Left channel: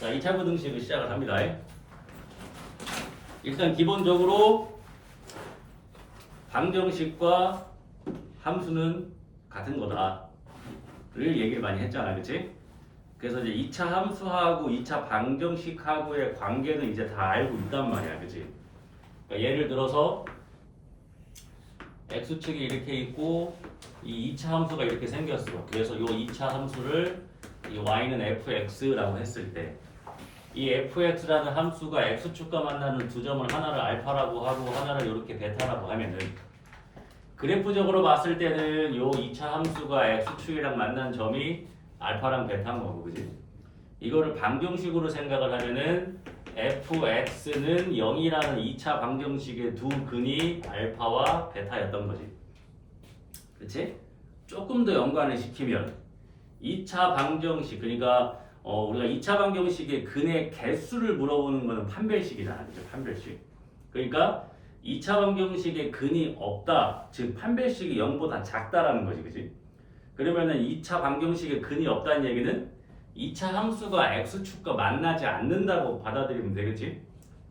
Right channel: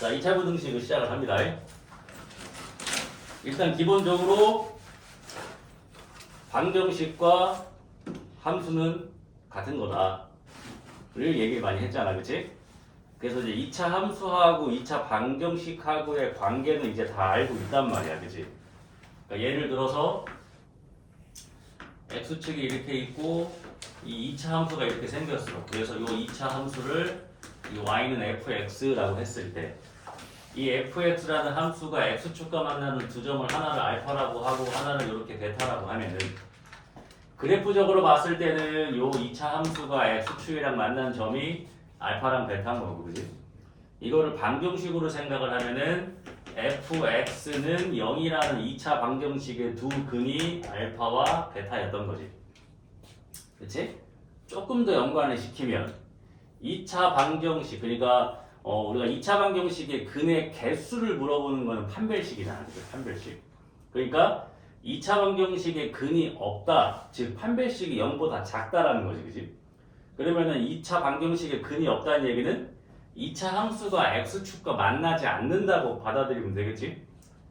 자, 2차 부등식을 시작을 합니다. 일단 기본적으로 방정식과 함수는 같은 거다를 얘기를 많이 했잖아, 그치? 그래서 이제 2차 함수하고 2차 방정식하고의 관계는 이제 다 알고 있단 말이야, 그치? 그러니까 예를 들어서 x축이 이렇게 있고 이 2차 함수가 이렇게 생겼어. 그래서 이 2차 함수를 이 y는 fx라고 했을 때 이 fx라는 함수가 x축과 만나는 두 점을 하나를 알파라고 하고 하나를 이렇게 베타라고 하면은 그래프적으로 봤을 때는 요 2차 함수가 x축이랑 만난 점이 알파랑 베타인 거고, 그지? 이거를 방정식으로 생각을 하면은 fx는 0이라는 2차 방정식의 두 근이 알파와 베타였던 거지. 그치? 조금 더 연관을 시키면 2차 방정식, 그러니까 우리가 2차 방정식의 근의 개수를 물어보는 거는 판별식이잖아. 그죠? 판별식. 그러니까 2차 방정식의 근이 없다. 즉 판별식이 0보다 작다라는 거지. 그지? 그러면은 2차 방정식의 근이 없다는 얘기는 2차 함수가 x축과 만나지 않는다고 받아들이면 되겠지?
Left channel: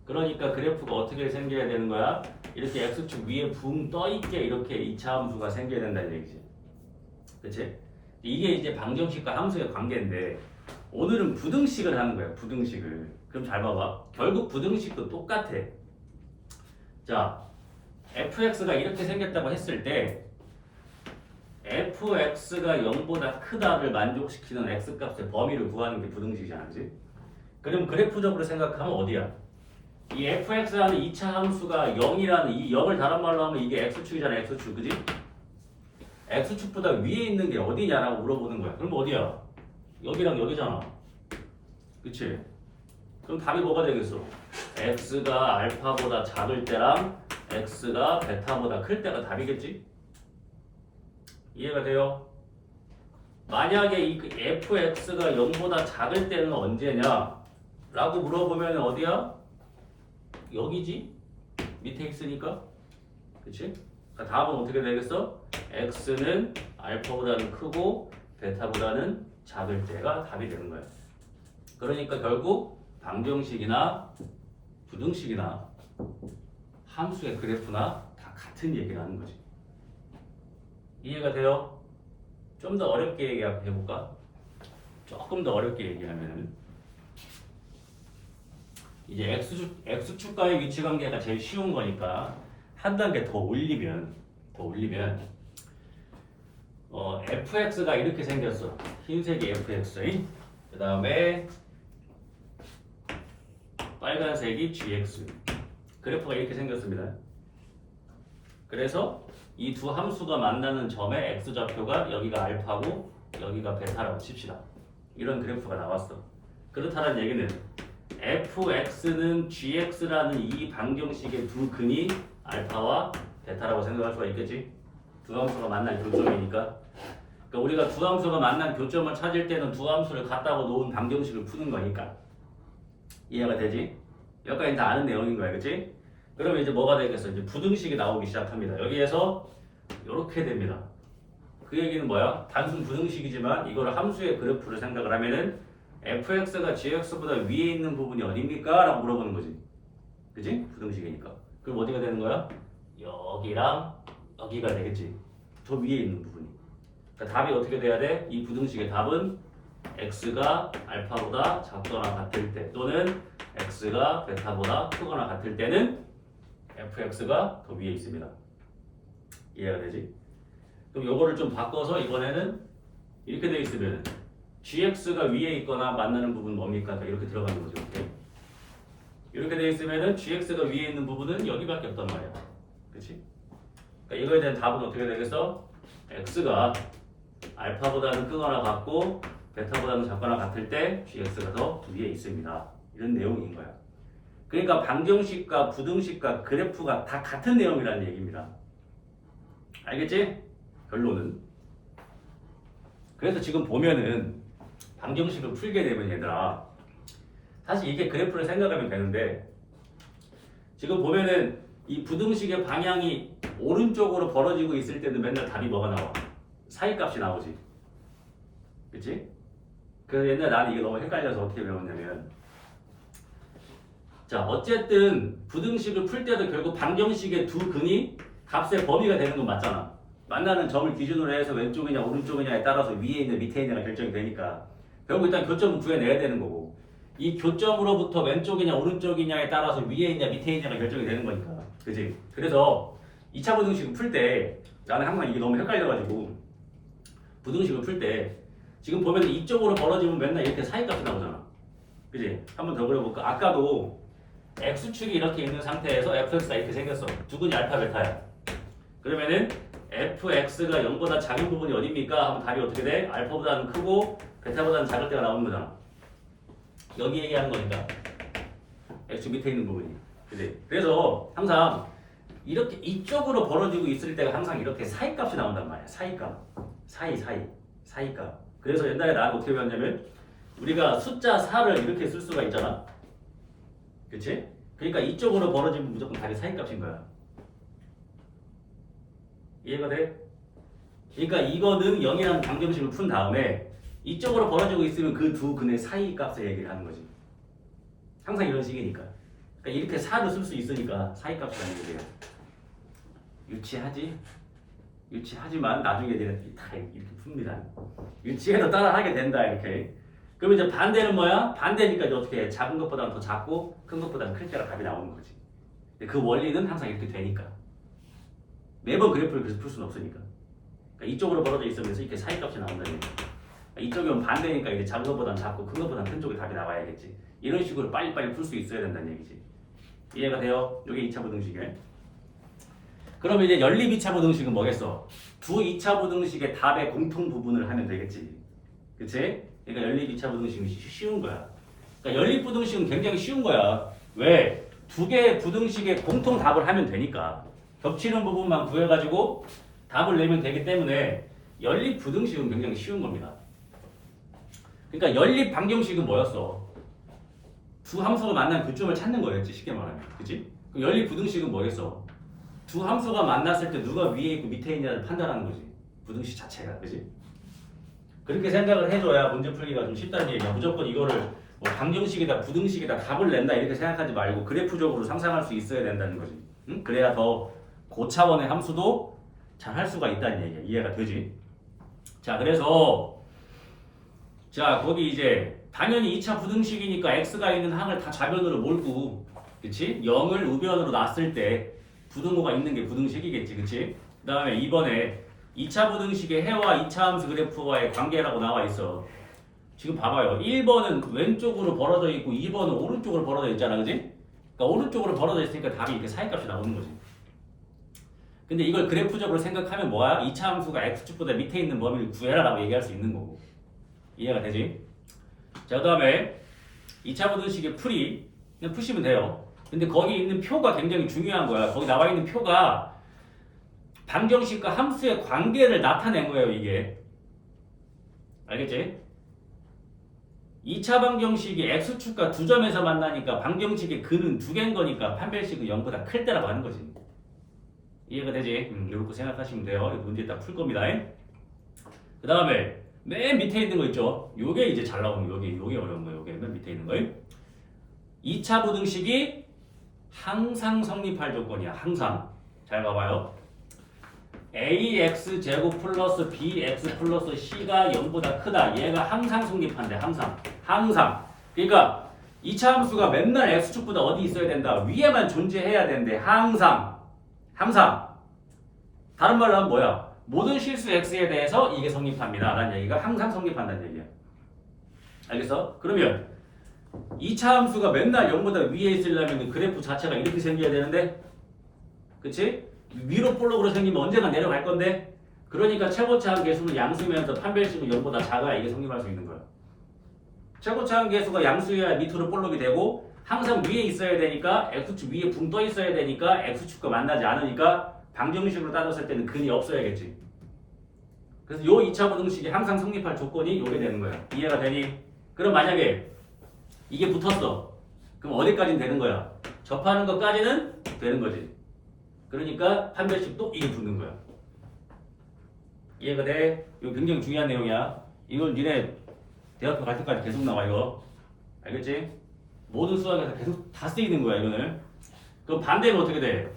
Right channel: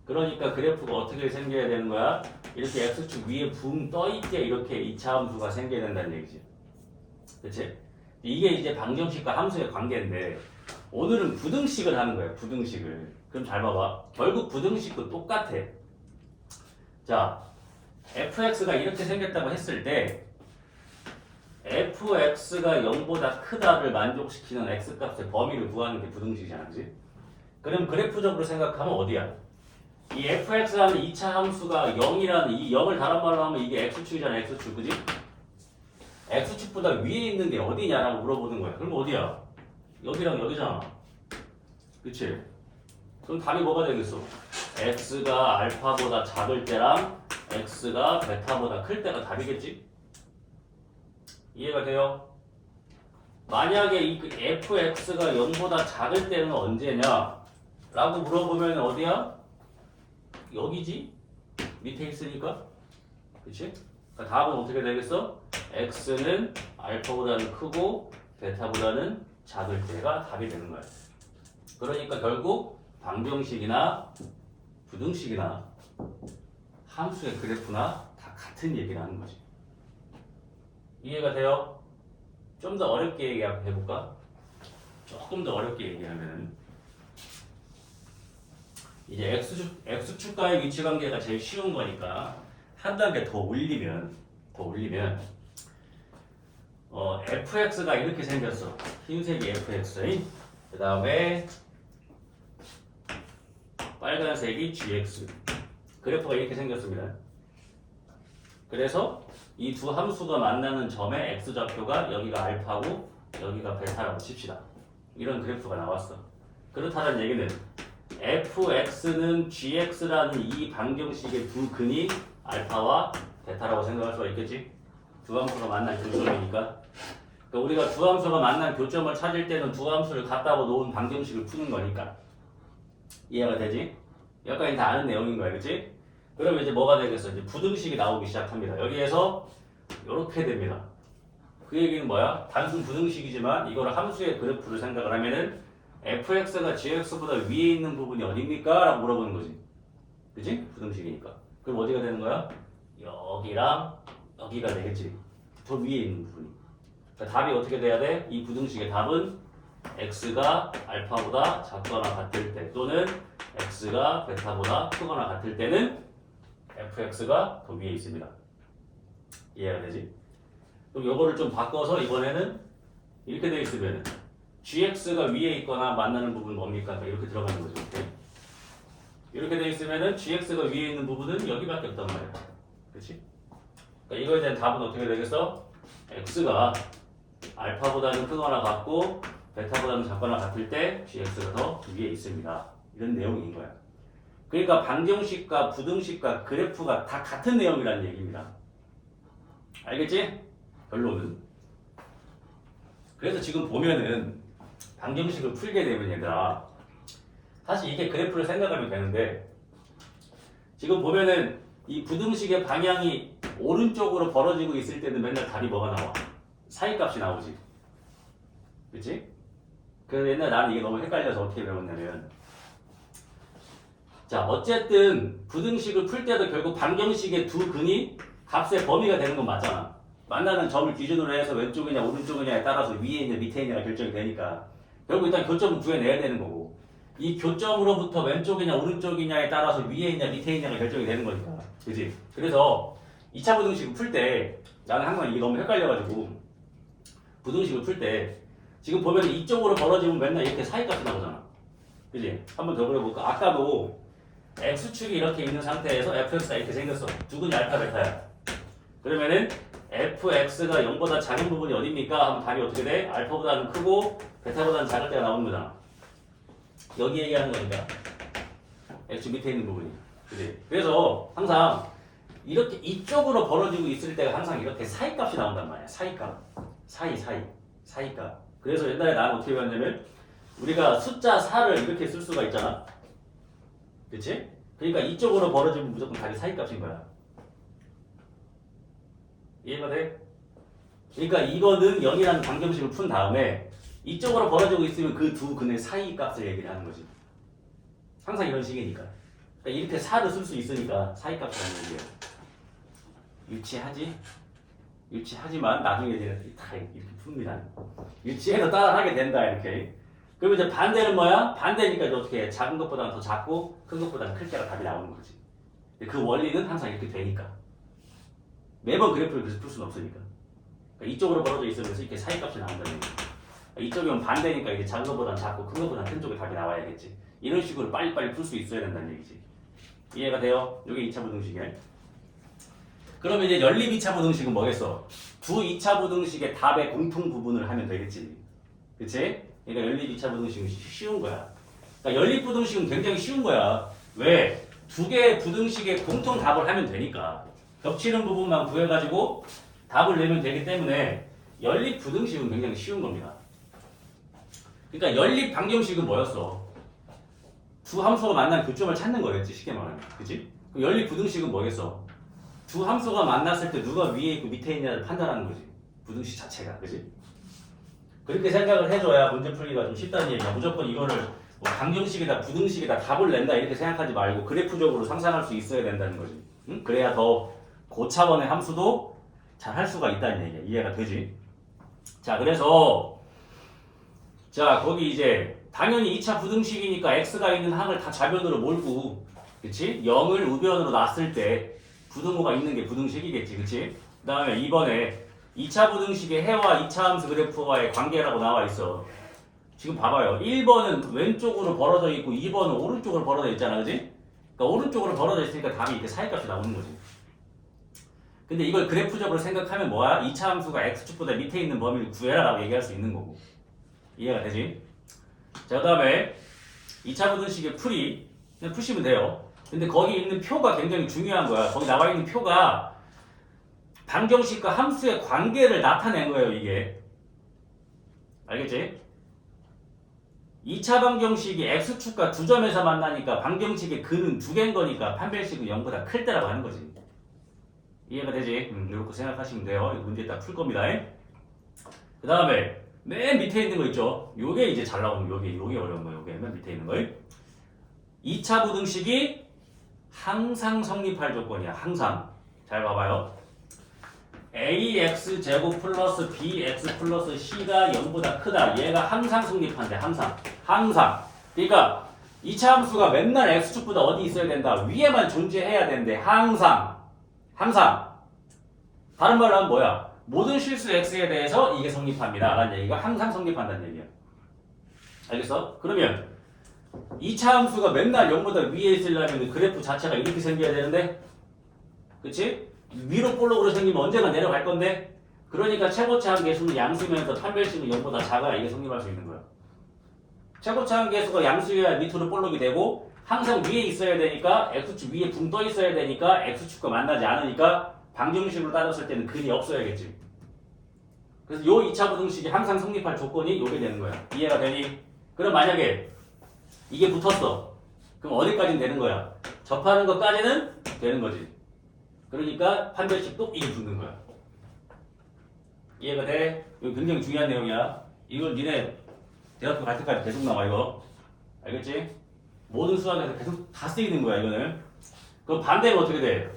그러니까 그래프가 어떻게 생겨야 되는 거야? 이렇게 x축 위에 붕 떠있게 이렇게 2차 함수가 생겨야 된다는 얘기지. 그치? 이게 이제 방정식과 함수의 관계인데 오늘은 부등식을 하는 거야. 부등식을. 그럼 잘 봐봐. 결국 부등식도 똑같아. 자, fx가 이렇게 생겼다고 했을 때 fx가 0보다 크다를 만족시키는 x값의 범위를 구하는 게 부등식이잖아. 그치? 그럼 그래프적으로 생각하면 어디야? 이 fx라는 2차 함수가 0이라는 이 0을 다른 말로 하면 이게 x축이잖아. x축. 그지? x축보다 위에 있는 게 어디냐라고 물어보는 거야. 그럼 어디야? 여기랑 여기잖아. 그치? 그럼 답이 뭐가 되겠어? x가 알파보다 작을 때랑 x가 베타보다 클 때가 답이겠지? 이해가 돼요? 만약에 이 fx가 0보다 작을 때는 언제냐? 라고 물어보면 어디야? 여기지? 밑에 있으니까? 그치? 답은 어떻게 되겠어? x는 알파보다는 크고 베타보다는 작을 때가 답이 되는 거야. 그러니까 결국 방정식이나 부등식이나 함수의 그래프나 다 같은 얘기를 하는 거지. 이해가 돼요? 좀 더 어렵게 얘기해볼까? 조금 더 어렵게 얘기하면은 이제 x축과의 위치 관계가 제일 쉬운 거니까 한 단계 더 올리면 fx가 이렇게 생겼어. 흰색이 fx, 그 다음에 빨간색이 gx. 그래프가 이렇게 생겼습니다. 그래서 이 두 함수가 만나는 점의 x좌표가 여기가 알파고 여기가 베타라고 칩시다. 이런 그래프가 나왔어. 그렇다는 얘기는 fx는 gx라는 이 방정식의 두 근이 알파와 베타라고 생각할 수가 있겠지? 두 함수가 만날 교점이니까. 그러니까 우리가 두 함수가 만난 교점을 찾을 때는 두 함수를 갖다 놓은 방정식을 푸는 거니까. 이해가 되지? 여기까지 다 아는 내용인 거야, 그치? 그러면 이제 뭐가 되겠어? 이제 부등식이 나오기 시작합니다. 여기에서 이렇게 됩니다. 그 얘기는 뭐야? 단순 부등식이지만 이거를 함수의 그래프를 생각을 하면은 fx가 gx보다 위에 있는 부분이 어딥니까? 라고 물어보는 거지. 그치? 부등식이니까. 그럼 어디가 되는 거야? 여기랑 여기가 되겠지. 더 위에 있는 부분이. 그러니까 답이 어떻게 돼야 돼? 이 부등식의 답은 x가 알파보다 작거나 같을 때 또는 x가 베타보다 크거나 같을 때는 fx가 더 위에 있습니다. 이해가 되지? 그럼 요거를 좀 바꿔서 이번에는 이렇게 돼 있으면 gx가 위에 있거나 만나는 부분은 뭡니까? 이렇게 들어가는 거죠. 이렇게 돼 있으면은 gx가 위에 있는 부분은 여기밖에 없단 말이야. 그렇지? 그러니까 이거에 대한 답은 어떻게 되겠어? x가 알파보다는 크거나 같고 베타보다는 작거나 같을 때 gx가 더 위에 있습니다. 이런 내용인 거야. 그러니까 방정식과 부등식과 그래프가 다 같은 내용이라는 얘기입니다. 알겠지? 결론은. 그래서 지금 보면은 방정식을 풀게 되면 얘들아 사실 이게 그래프를 생각하면 되는데 지금 보면은 이 부등식의 방향이 오른쪽으로 벌어지고 있을 때는 맨날 답이 뭐가 나와? 사이값이 나오지. 그치? 그래서 옛날에 나는 이게 너무 헷갈려서 어떻게 배웠냐면, 자 어쨌든 부등식을 풀 때도 결국 방정식의 두 근이 값의 범위가 되는 건 맞잖아. 만나는 점을 기준으로 해서 왼쪽이냐 오른쪽이냐에 따라서 위에 있는 밑에 있느냐 결정이 되니까 결국 일단 교점은 구해내야 되는 거고, 이 교점으로부터 왼쪽이냐 오른쪽이냐에 따라서 위에 있냐 밑에 있냐가 결정이 되는 거니까, 그지? 그래서 2차 부등식을 풀 때 나는 항상 이게 너무 헷갈려가지고, 부등식을 풀 때 지금 보면 이쪽으로 벌어지면 맨날 이렇게 사이값이 나오잖아, 그지? 한번 더 그려볼까? 아까도 x축이 이렇게 있는 상태에서 fx가 이렇게 생겼어. 두근이 알파 베타야. 그러면은 fx가 0보다 작은 부분이 어디입니까? 하면 답이 어떻게 돼? 알파보다는 크고 베타보다는 작을 때가 나오는 거잖아. 여기 얘기하는 거니까 x 밑에 있는 부분이, 그지? 그래서 항상 이렇게 이쪽으로 벌어지고 있을 때가 항상 이렇게 사이값이 나온단 말이야. 사이값, 사이값. 그래서 옛날에 나는 어떻게 배웠냐면, 우리가 숫자 4를 이렇게 쓸 수가 있잖아, 그치? 그러니까 이쪽으로 벌어지면 무조건 답이 사이값인 거야. 이해가 돼? 그러니까 이거는 0이라는 방정식을 푼 다음에 이쪽으로 벌어지고 있으면 그 두 근의 사이 값을 얘기를 하는 거지. 항상 이런 식이니까. 그러니까 이렇게 4를 쓸 수 있으니까 사이 값이라는 얘기예요. 유치하지만 나중에 이제 다 이렇게 풉니다. 유치해도 따라하게 된다, 이렇게. 그럼 이제 반대는 뭐야? 반대니까 이제 어떻게 해? 작은 것보다는 더 작고 큰 것보다는 클 때가 답이 나오는 거지. 그 원리는 항상 이렇게 되니까. 매번 그래프를 그래서 풀 수는 없으니까. 그러니까 이쪽으로 벌어져 있으면서 이렇게 사이값이 나온다는 얘기야. 이쪽이면 반대니까 이제 작은 것보다는 작고 큰 것보다는 큰 쪽에 답이 나와야겠지. 이런 식으로 빨리빨리 풀 수 있어야 된다는 얘기지. 이해가 돼요? 이게 2차 부등식이에요. 그러면 이제 연립 2차 부등식은 뭐겠어? 두 2차 부등식의 답의 공통 부분을 하면 되겠지. 그치? 그러니까 연립 2차 부등식은 쉬운 거야. 그러니까 연립 부등식은 굉장히 쉬운 거야. 왜? 두 개의 부등식의 공통 답을 하면 되니까. 겹치는 부분만 구해가지고 답을 내면 되기 때문에 연립 부등식은 굉장히 쉬운 겁니다. 그러니까 연립 방정식은 뭐였어? 두 함수가 만난 교점을 찾는 거였지, 쉽게 말하면. 그치? 연립 부등식은 뭐겠어? 두 함수가 만났을 때 누가 위에 있고 밑에 있냐를 판단하는 거지. 부등식 자체가. 그치? 그렇게 생각을 해줘야 문제 풀기가 좀 쉽다는 얘기야. 무조건 이거를 뭐 방정식이다 부등식이다 답을 낸다 이렇게 생각하지 말고 그래프적으로 상상할 수 있어야 된다는 거지. 응? 그래야 더 고차원의 함수도 잘 할 수가 있다는 얘기야. 이해가 되지? 자, 그래서 자 거기 이제 당연히 2차 부등식이니까 x가 있는 항을 다 좌변으로 몰고, 그치? 0을 우변으로 놨을 때 부등호가 있는 게 부등식이겠지, 그치? 그 다음에 2번에 2차 부등식의 해와 2차 함수 그래프와의 관계라고 나와 있어. 지금 봐봐요. 1번은 왼쪽으로 벌어져 있고 2번은 오른쪽으로 벌어져 있잖아, 그치? 그러니까 오른쪽으로 벌어져 있으니까 답이 이렇게 사이값이 나오는 거지. 근데 이걸 그래프적으로 생각하면 뭐야? 2차 함수가 x축보다 밑에 있는 범위를 구해라 라고 얘기할 수 있는 거고. 이해가 되지? 자, 그 다음에 2차 부등식의 풀이 그냥 푸시면 돼요. 근데 거기 있는 표가 굉장히 중요한 거야. 거기 나와 있는 표가 방정식과 함수의 관계를 나타낸 거예요, 이게. 알겠지? 2차 방정식이 x축과 두 점에서 만나니까 방정식의 근은 두 개인 거니까 판별식은 0보다 클 때라고 하는 거지. 이해가 되지? 이렇게 생각하시면 돼요. 이 문제 딱 풀 겁니다. 그 다음에 맨 밑에 있는 거 있죠? 요게 이제 잘 나오는 요게 어려운 거. 요게 맨 밑에 있는 거. 2차 부등식이 항상 성립할 조건이야. 항상. 잘 봐봐요. ax 제곱 플러스 bx 플러스 c가 0보다 크다. 얘가 항상 성립한대. 항상. 그러니까 2차 함수가 맨날 x축보다 어디 있어야 된다. 위에만 존재해야 된대. 항상. 다른 말로 하면 뭐야? 모든 실수 x에 대해서 이게 성립합니다. 라는 얘기가 항상 성립한다는 얘기야. 알겠어? 그러면 2차 함수가 맨날 0보다 위에 있으려면 그래프 자체가 이렇게 생겨야 되는데, 그치? 위로 볼록으로 생기면 언젠가 내려갈 건데, 그러니까 최고차항 계수는 양수면서 판별식은 0보다 작아야 이게 성립할 수 있는 거야. 최고차항 계수가 양수여야 밑으로 볼록이 되고 항상 위에 있어야 되니까 x축 위에 붕 떠 있어야 되니까 x축과 만나지 않으니까 방정식으로 따졌을 때는 근이 없어야겠지. 그래서 요 2차 부등식이 항상 성립할 조건이 요게 되는 거야. 이해가 되니? 그럼 만약에 이게 붙었어. 그럼 어디까지는 되는 거야? 접하는 것까지는 되는 거지. 그러니까 판별식도 이게 붙는 거야. 이해가 돼? 이거 굉장히 중요한 내용이야. 이걸 니네 대학교 갈 때까지 계속 나와 이거. 알겠지? 모든 수학에서 계속 다 쓰이는 거야 이거는. 그럼 반대는 어떻게 돼?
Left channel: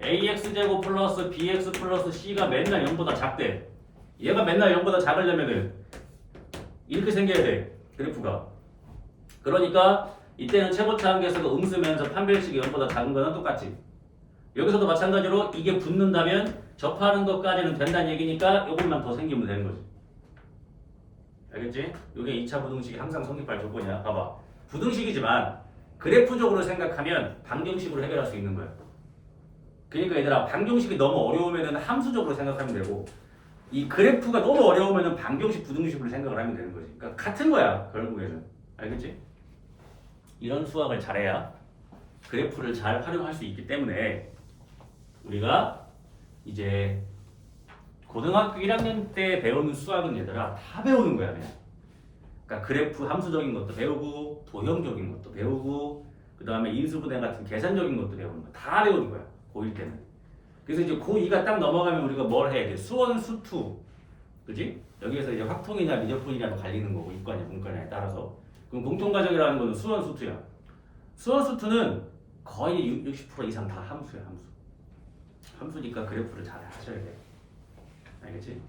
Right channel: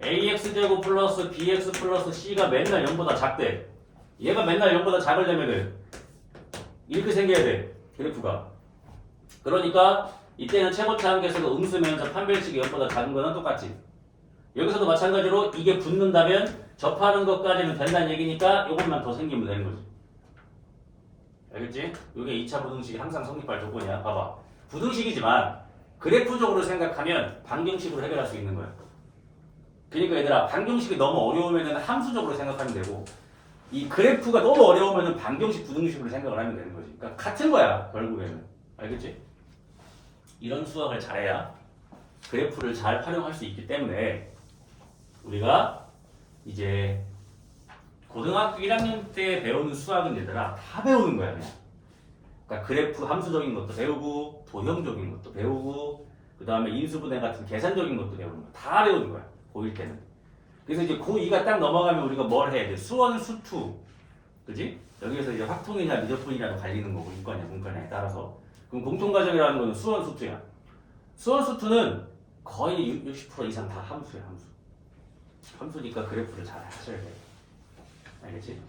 ax제곱 플러스 bx 플러스 c가 맨날 0보다 작대. 얘가 맨날 0보다 작으려면은 이렇게 생겨야 돼 그래프가. 그러니까 이때는 최고차 한계에서가 음수면서 판별식이 0보다 작은 거는 똑같지. 여기서도 마찬가지로 이게 붙는다면 접하는 것까지는 된다는 얘기니까 이것만 더 생기면 되는 거지. 알겠지? 이게 2차 부등식이 항상 성립할 조건이야. 봐봐. 부등식이지만 그래프적으로 생각하면 방정식으로 해결할 수 있는 거야. 그러니까 얘들아 방정식이 너무 어려우면 함수적으로 생각하면 되고 이 그래프가 너무 어려우면 방정식 부등식으로 생각을 하면 되는 거지. 그러니까 같은 거야 결국에는. 알겠지? 이런 수학을 잘해야 그래프를 잘 활용할 수 있기 때문에 우리가 이제 고등학교 1학년 때 배우는 수학은 얘들아 다 배우는 거야 그냥. 그러니까 그래프 함수적인 것도 배우고 도형적인 것도 배우고 그 다음에 인수분해 같은 계산적인 것도 배우는 거야. 다 배우는 거야 고1 때는. 그래서 이제 고2가 딱 넘어가면 우리가 뭘 해야 돼? 수원 수투 그지? 여기에서 이제 확통이냐 미적분이냐도 갈리는 거고 이과냐 문과냐에 따라서. 그럼 공통과정이라는 거는 수원 수투야. 수원 수투는 거의 60% 이상 다 함수야 함수. 함수니까 그래프를 잘 하셔야 돼. 알겠지?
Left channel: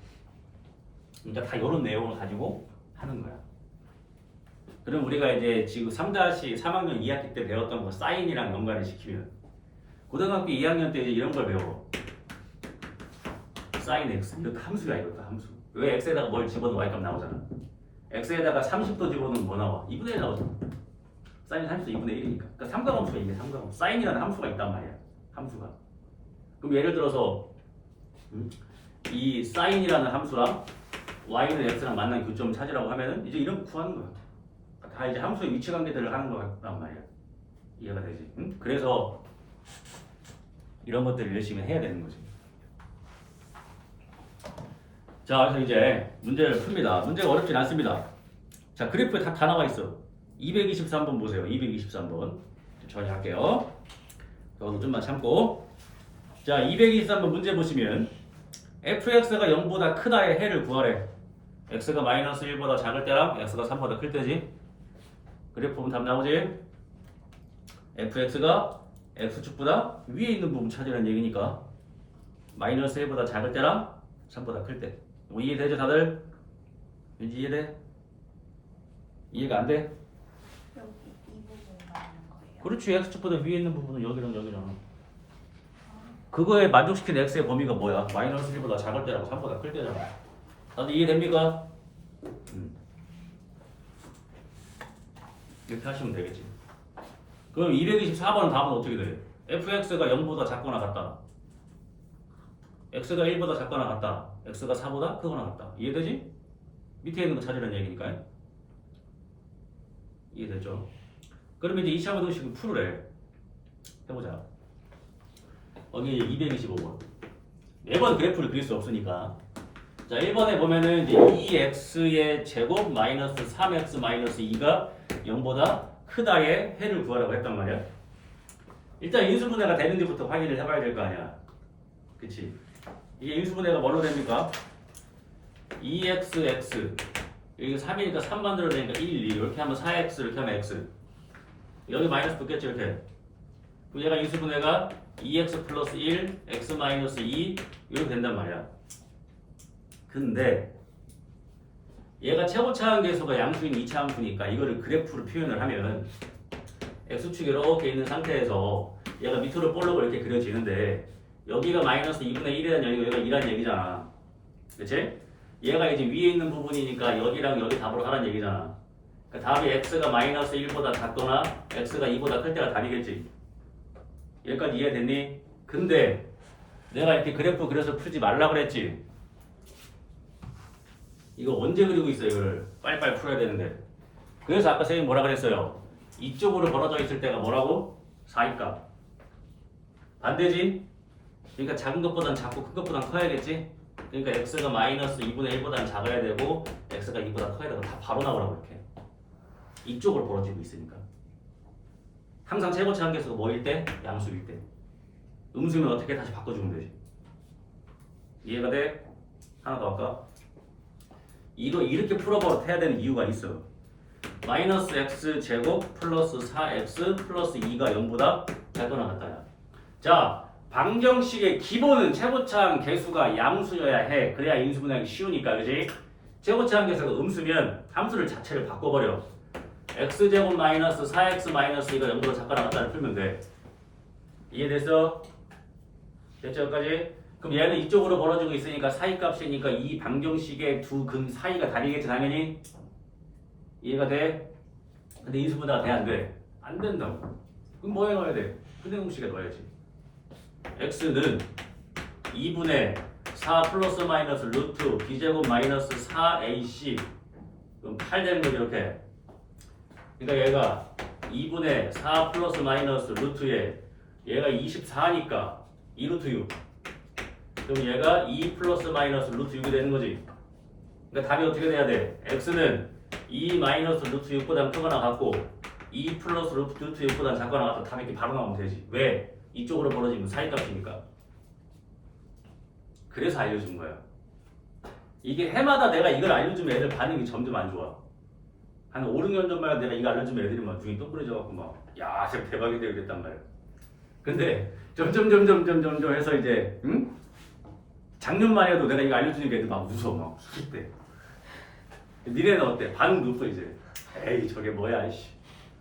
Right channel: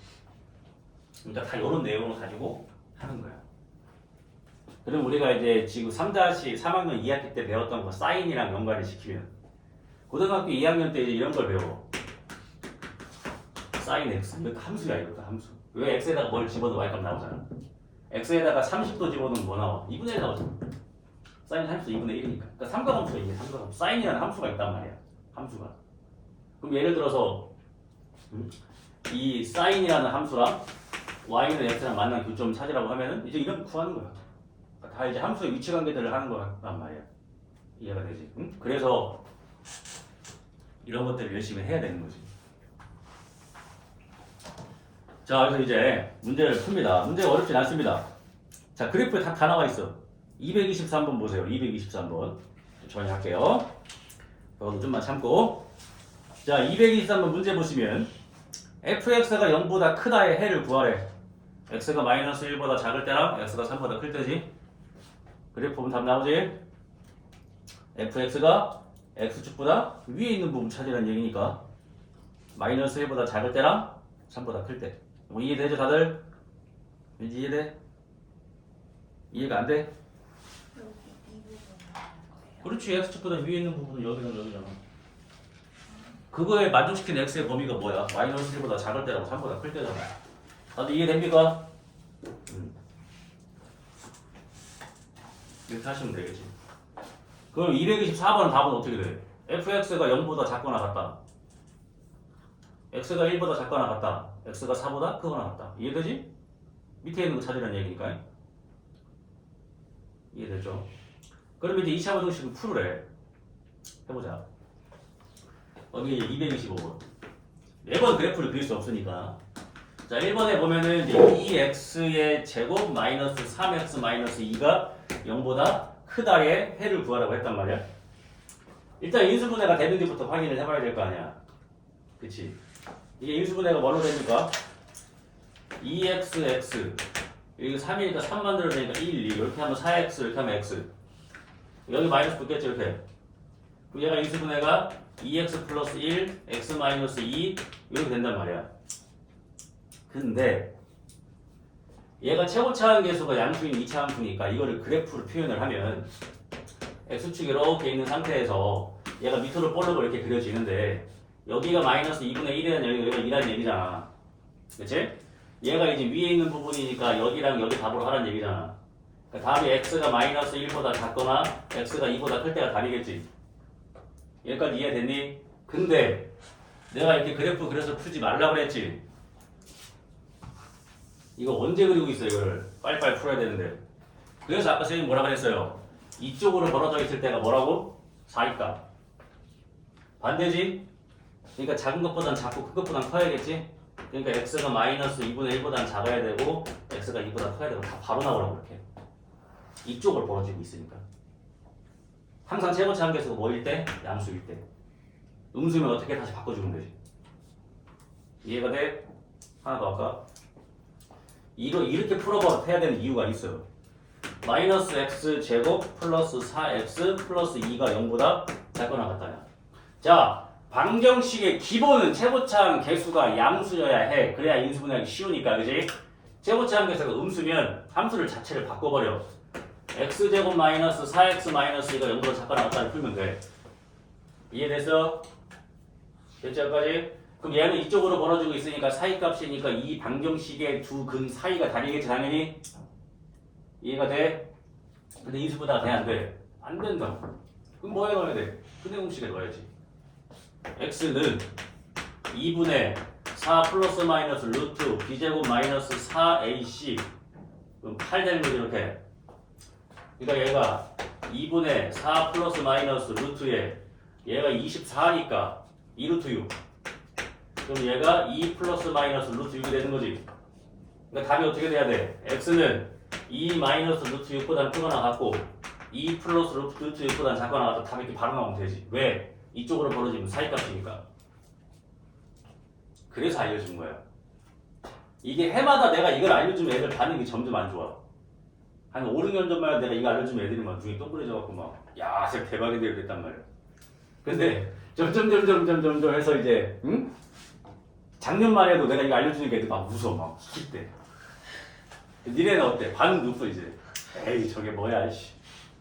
그러니까 다 이런 내용을 가지고 하는 거야. 그럼 우리가 이제 지금 3-3학년 2학기 때 배웠던 거 사인이랑 연관을 시키면 고등학교 2학년 때 이런 걸 배워. 사인 x. 이것도 함수야 이것도 함수. 왜 x에다가 뭘 집어도 y값 나오잖아. x에다가 30도 집어넣으면 뭐 나와? 2분의 1 나오잖아. 사인 30도 2분의 1이니까. 그러니까 삼각함수야 이게 삼각함수. 사인이라는 함수가 있단 말이야. 함수가. 그럼 예를 들어서 이 사인이라는 함수랑 y는 x랑 만난 교점을 찾으라고 하면은 이제 이런 거 구하는 거야. 다 이제 함수의 위치 관계들을 하는 거란 말이야. 이해가 되지? 응? 그래서 이런 것들을 열심히 해야 되는 거지. 자, 그래서 이제 문제를 풉니다. 문제가 어렵진 않습니다. 자, 그래프에 다 나와 있어. 223번 보세요. 223번. 정리할게요. 저도 좀만 참고. 자, 223번 문제 보시면 fx가 0보다 크다의 해를 구하래. x가 마이너스 1보다 작을 때랑 x가 3보다 클 때지. 그래프 보면 답 나오지? fx가 x축보다 위에 있는 부분 찾으라는 얘기니까 마이너스 1보다 작을 때랑 3보다 클 때. 뭐 이해되죠 다들? 왠지 이해돼? 이해가 안 돼? 그렇지. x축보다 위에 있는 부분은 여기랑 여기랑. 그거에 만족시킨 x의 범위가 뭐야? 마이너스 1보다 작을 때라고 3보다 클 때잖아. 다들 이해됩니까? 이렇게 하시면 되겠지. 그럼 224번은 답은 어떻게 돼? fx가 0보다 작거나 같다. x가 1보다 작거나 같다. x가 4보다 크거나 같다. 이해되지? 밑에 있는 거 찾으라는 얘기니까. 이해됐죠? 그러면 이제 2차 부등식을 풀으래. 해보자. 여기 225번. 매번 그래프를 그릴 수 없으니까. 자, 1번에 보면은 이제 2x의 제곱 마이너스 3x 마이너스 2가 0보다 크다의 해를 구하라고 했단 말이야. 일단 인수분해가 되는지부터 확인을 해봐야 될 거 아니야. 그치? 이게 인수분해가 뭘로 됩니까? 2xx 여기 3이니까 3 만들어내니까 1, 2 이렇게 하면 4x 이렇게 하면 x 여기 마이너스 붙겠지 이렇게. 그럼 얘가 인수분해가 2x 플러스 1, x 마이너스 2 이렇게 된단 말이야. 근데 얘가 최고차 한계수가 양수인 2차 함수니까 이거를 그래프로 표현을 하면 x축이 이렇게 있는 상태에서 얘가 밑으로 볼록을 이렇게 그려지는데 여기가 마이너스 2분의 1이라는 여기가 2라는 얘기잖아. 그치? 얘가 이제 위에 있는 부분이니까 여기랑 여기 답으로 하라는 얘기잖아. 그러니까 답이 x가 마이너스 1보다 작거나 x가 2보다 클 때가 답이겠지. 여기까지 이해됐니? 근데 내가 이렇게 그래프 그려서 풀지 말라 그랬지. 이거 언제 그리고 있어 이걸 빨리빨리 풀어야 되는데. 그래서 아까 선생님 뭐라 그랬어요? 이쪽으로 벌어져 있을 때가 뭐라고? 4입값. 반대지? 그러니까 작은 것보단 작고 큰 것보단 커야겠지? 그러니까 x가 마이너스 2분의 1보다는 작아야 되고 x가 2보다 커야 되고 다 바로 나오라고 이렇게. 이쪽으로 벌어지고 있으니까. 항상 최고차 한계수가 뭐일 때? 양수일 때. 음수면 어떻게 다시 바꿔주면 되지? 이해가 돼? 하나 더 할까? 이렇게 풀어봐도 해야 되는 이유가 있어. 마이너스 x 제곱 플러스 4x 플러스 2가 0보다 작거나 같다야. 자, 방정식의 기본은 최고차항 개수가 양수여야 해. 그래야 인수분해하기 쉬우니까, 그지? 최고차항 개수가 음수면 함수를 자체를 바꿔버려. x제곱 마이너스 4x 마이너스 2가 0보다 작거나 같다를 풀면 돼. 이해됐어? 됐죠, 여기까지? 그럼 얘는 이쪽으로 벌어지고 있으니까 사이값이니까 이 방정식의 두 근 사이가 다르겠지, 당연히? 이해가 돼? 근데 인수분해가 돼, 안 돼? 안 된다고. 그럼 뭐 해놔야 돼? 근해 공식에 넣어야지. x는 2분의 4 플러스 마이너스 루트 b제곱 마이너스 4ac 그럼 8 되는 거지, 이렇게. 그러니까 얘가 2분의 4 플러스 마이너스 루트에 얘가 24니까 2루트 6. 그럼 얘가 2 플러스 마이너스 루트 6이 되는 거지. 그러니까 답이 어떻게 돼야 돼? x는 2 마이너스 루트 6보다 크거나 같고 2 플러스 루트 6보다 작거나 같다. 답이 이렇게 바로 나오면 되지. 왜? 이쪽으로 벌어지면 사이값이니까. 그래서 알려준 거야. 이게 해마다 내가 이걸 알려주면 애들 반응이 점점 안 좋아. 한 5, 6년 전만 내가 이거 알려주면 애들이 막 눈이 동그래져갖고 막 야, 진짜 대박이 되겠단 말이야. 근데 점점 해서 이제 응? 작년만 해도 내가 이거 알려주니까 애들 막 웃어 막 기대. 니네는 어때? 반응 높어 이제. 에이 저게 뭐야 씨.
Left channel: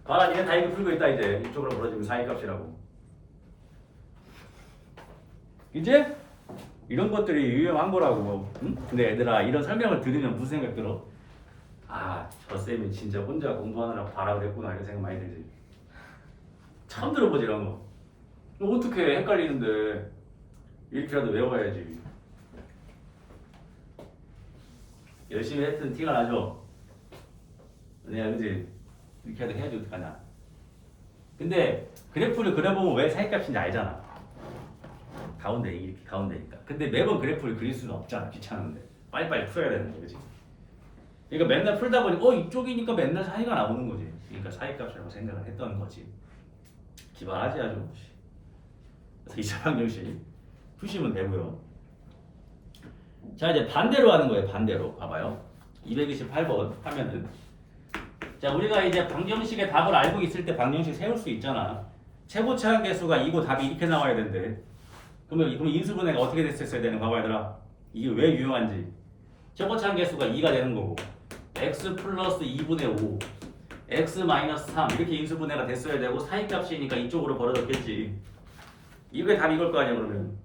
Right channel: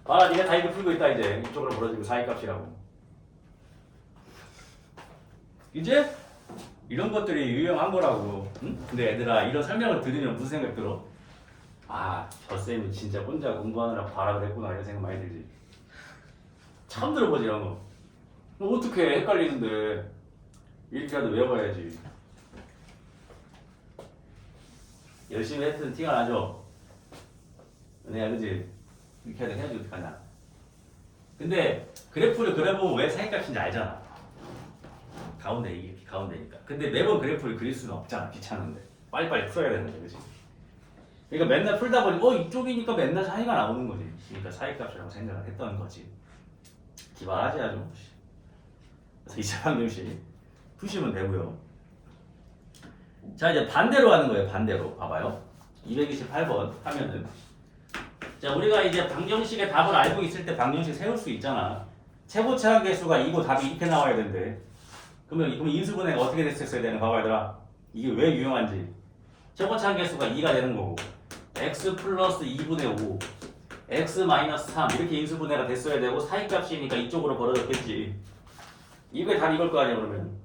봐라 니네 다 이거 풀고 있다 이제. 이쪽으로 벌어지면 사이값이라고. 이제 이런 것들이 유용한 거라고. 응? 근데 얘들아 이런 설명을 들으면 무슨 생각 들어? 아, 저 쌤이 진짜 혼자 공부하느라 발악을 했구나 이런 생각 많이 들지. 처음 들어보지 이런 거. 뭐 어떻게 헷갈리는데 이렇게라도 외워봐야지. 열심히 했던 티가 나죠? 내가 그지? 이렇게 해야지 어떡하냐. 근데 그래프를 그려보면 왜 사이값인지 알잖아. 가운데 이렇게 가운데니까. 근데 매번 그래프를 그릴 수는 없잖아. 귀찮은데. 빨리빨리 풀어야 되는데, 그치? 그러니까 맨날 풀다 보니 이쪽이니까 맨날 사이가 나오는 거지. 그러니까 사이값이라고 생각을 했던 거지. 기발하지 아주. 그래서 이 방정식 푸시면 되고요. 자 이제 반대로 하는 거예요. 반대로 봐봐요. 228번 하면은 자 우리가 이제 방정식의 답을 알고 있을 때 방정식 세울 수 있잖아. 최고차항 개수가 2고 답이 이렇게 나와야 된대. 그러면 인수분해가 어떻게 됐었어야 되는 봐봐 얘들아. 이게 왜 유용한지. 최고차항 개수가 2가 되는 거고 x 플러스 2분의 5 x 마이너스 3 이렇게 인수분해가 됐어야 되고 사이값이니까 이쪽으로 벌어졌겠지. 이게 답 이걸 거 아니야 그러면.